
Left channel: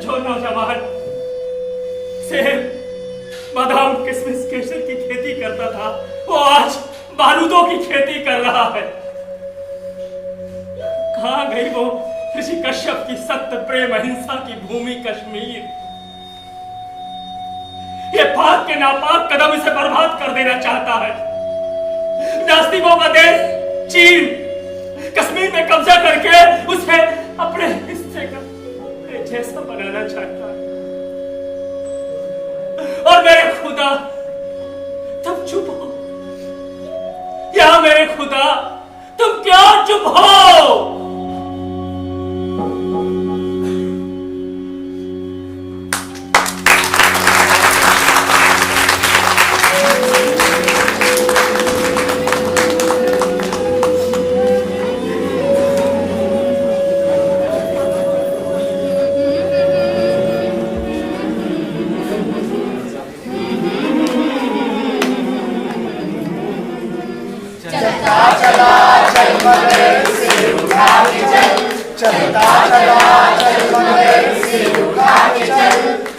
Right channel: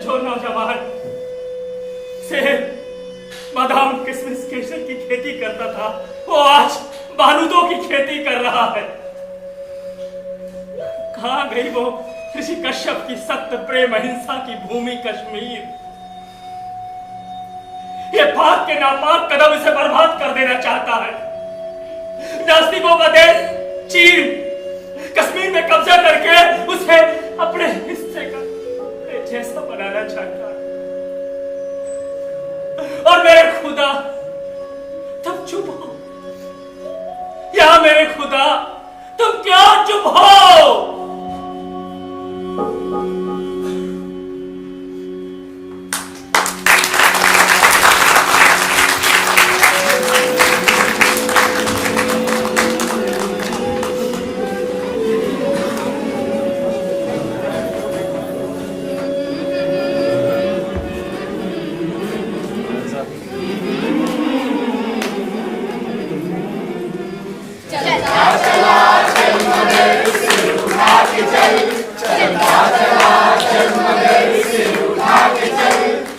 जो नौजवान सेब, बादाम, किशमिश, केसर की खेती करता था, वो आज बारूदों की खेती कर रहा है। कहां गई वो ऋषि कश्यप की सत्य, प्रेम, अहिंसा की भूमि कश्मीर? ये पाक के नापाक कदम इसे बर्बाद कर देना चाहता है। नास्तिकों का देश चीन कश्मीर में कब्जा करके उसे अपने हिस्से का अपने जैसा बनाना चाहता है। और मेरे खुदा तुम चुप हो, या मेरे खुदा तुम क्या चुप हो?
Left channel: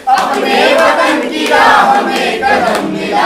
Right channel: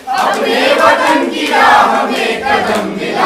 अपने वतन की राह में कदम मिला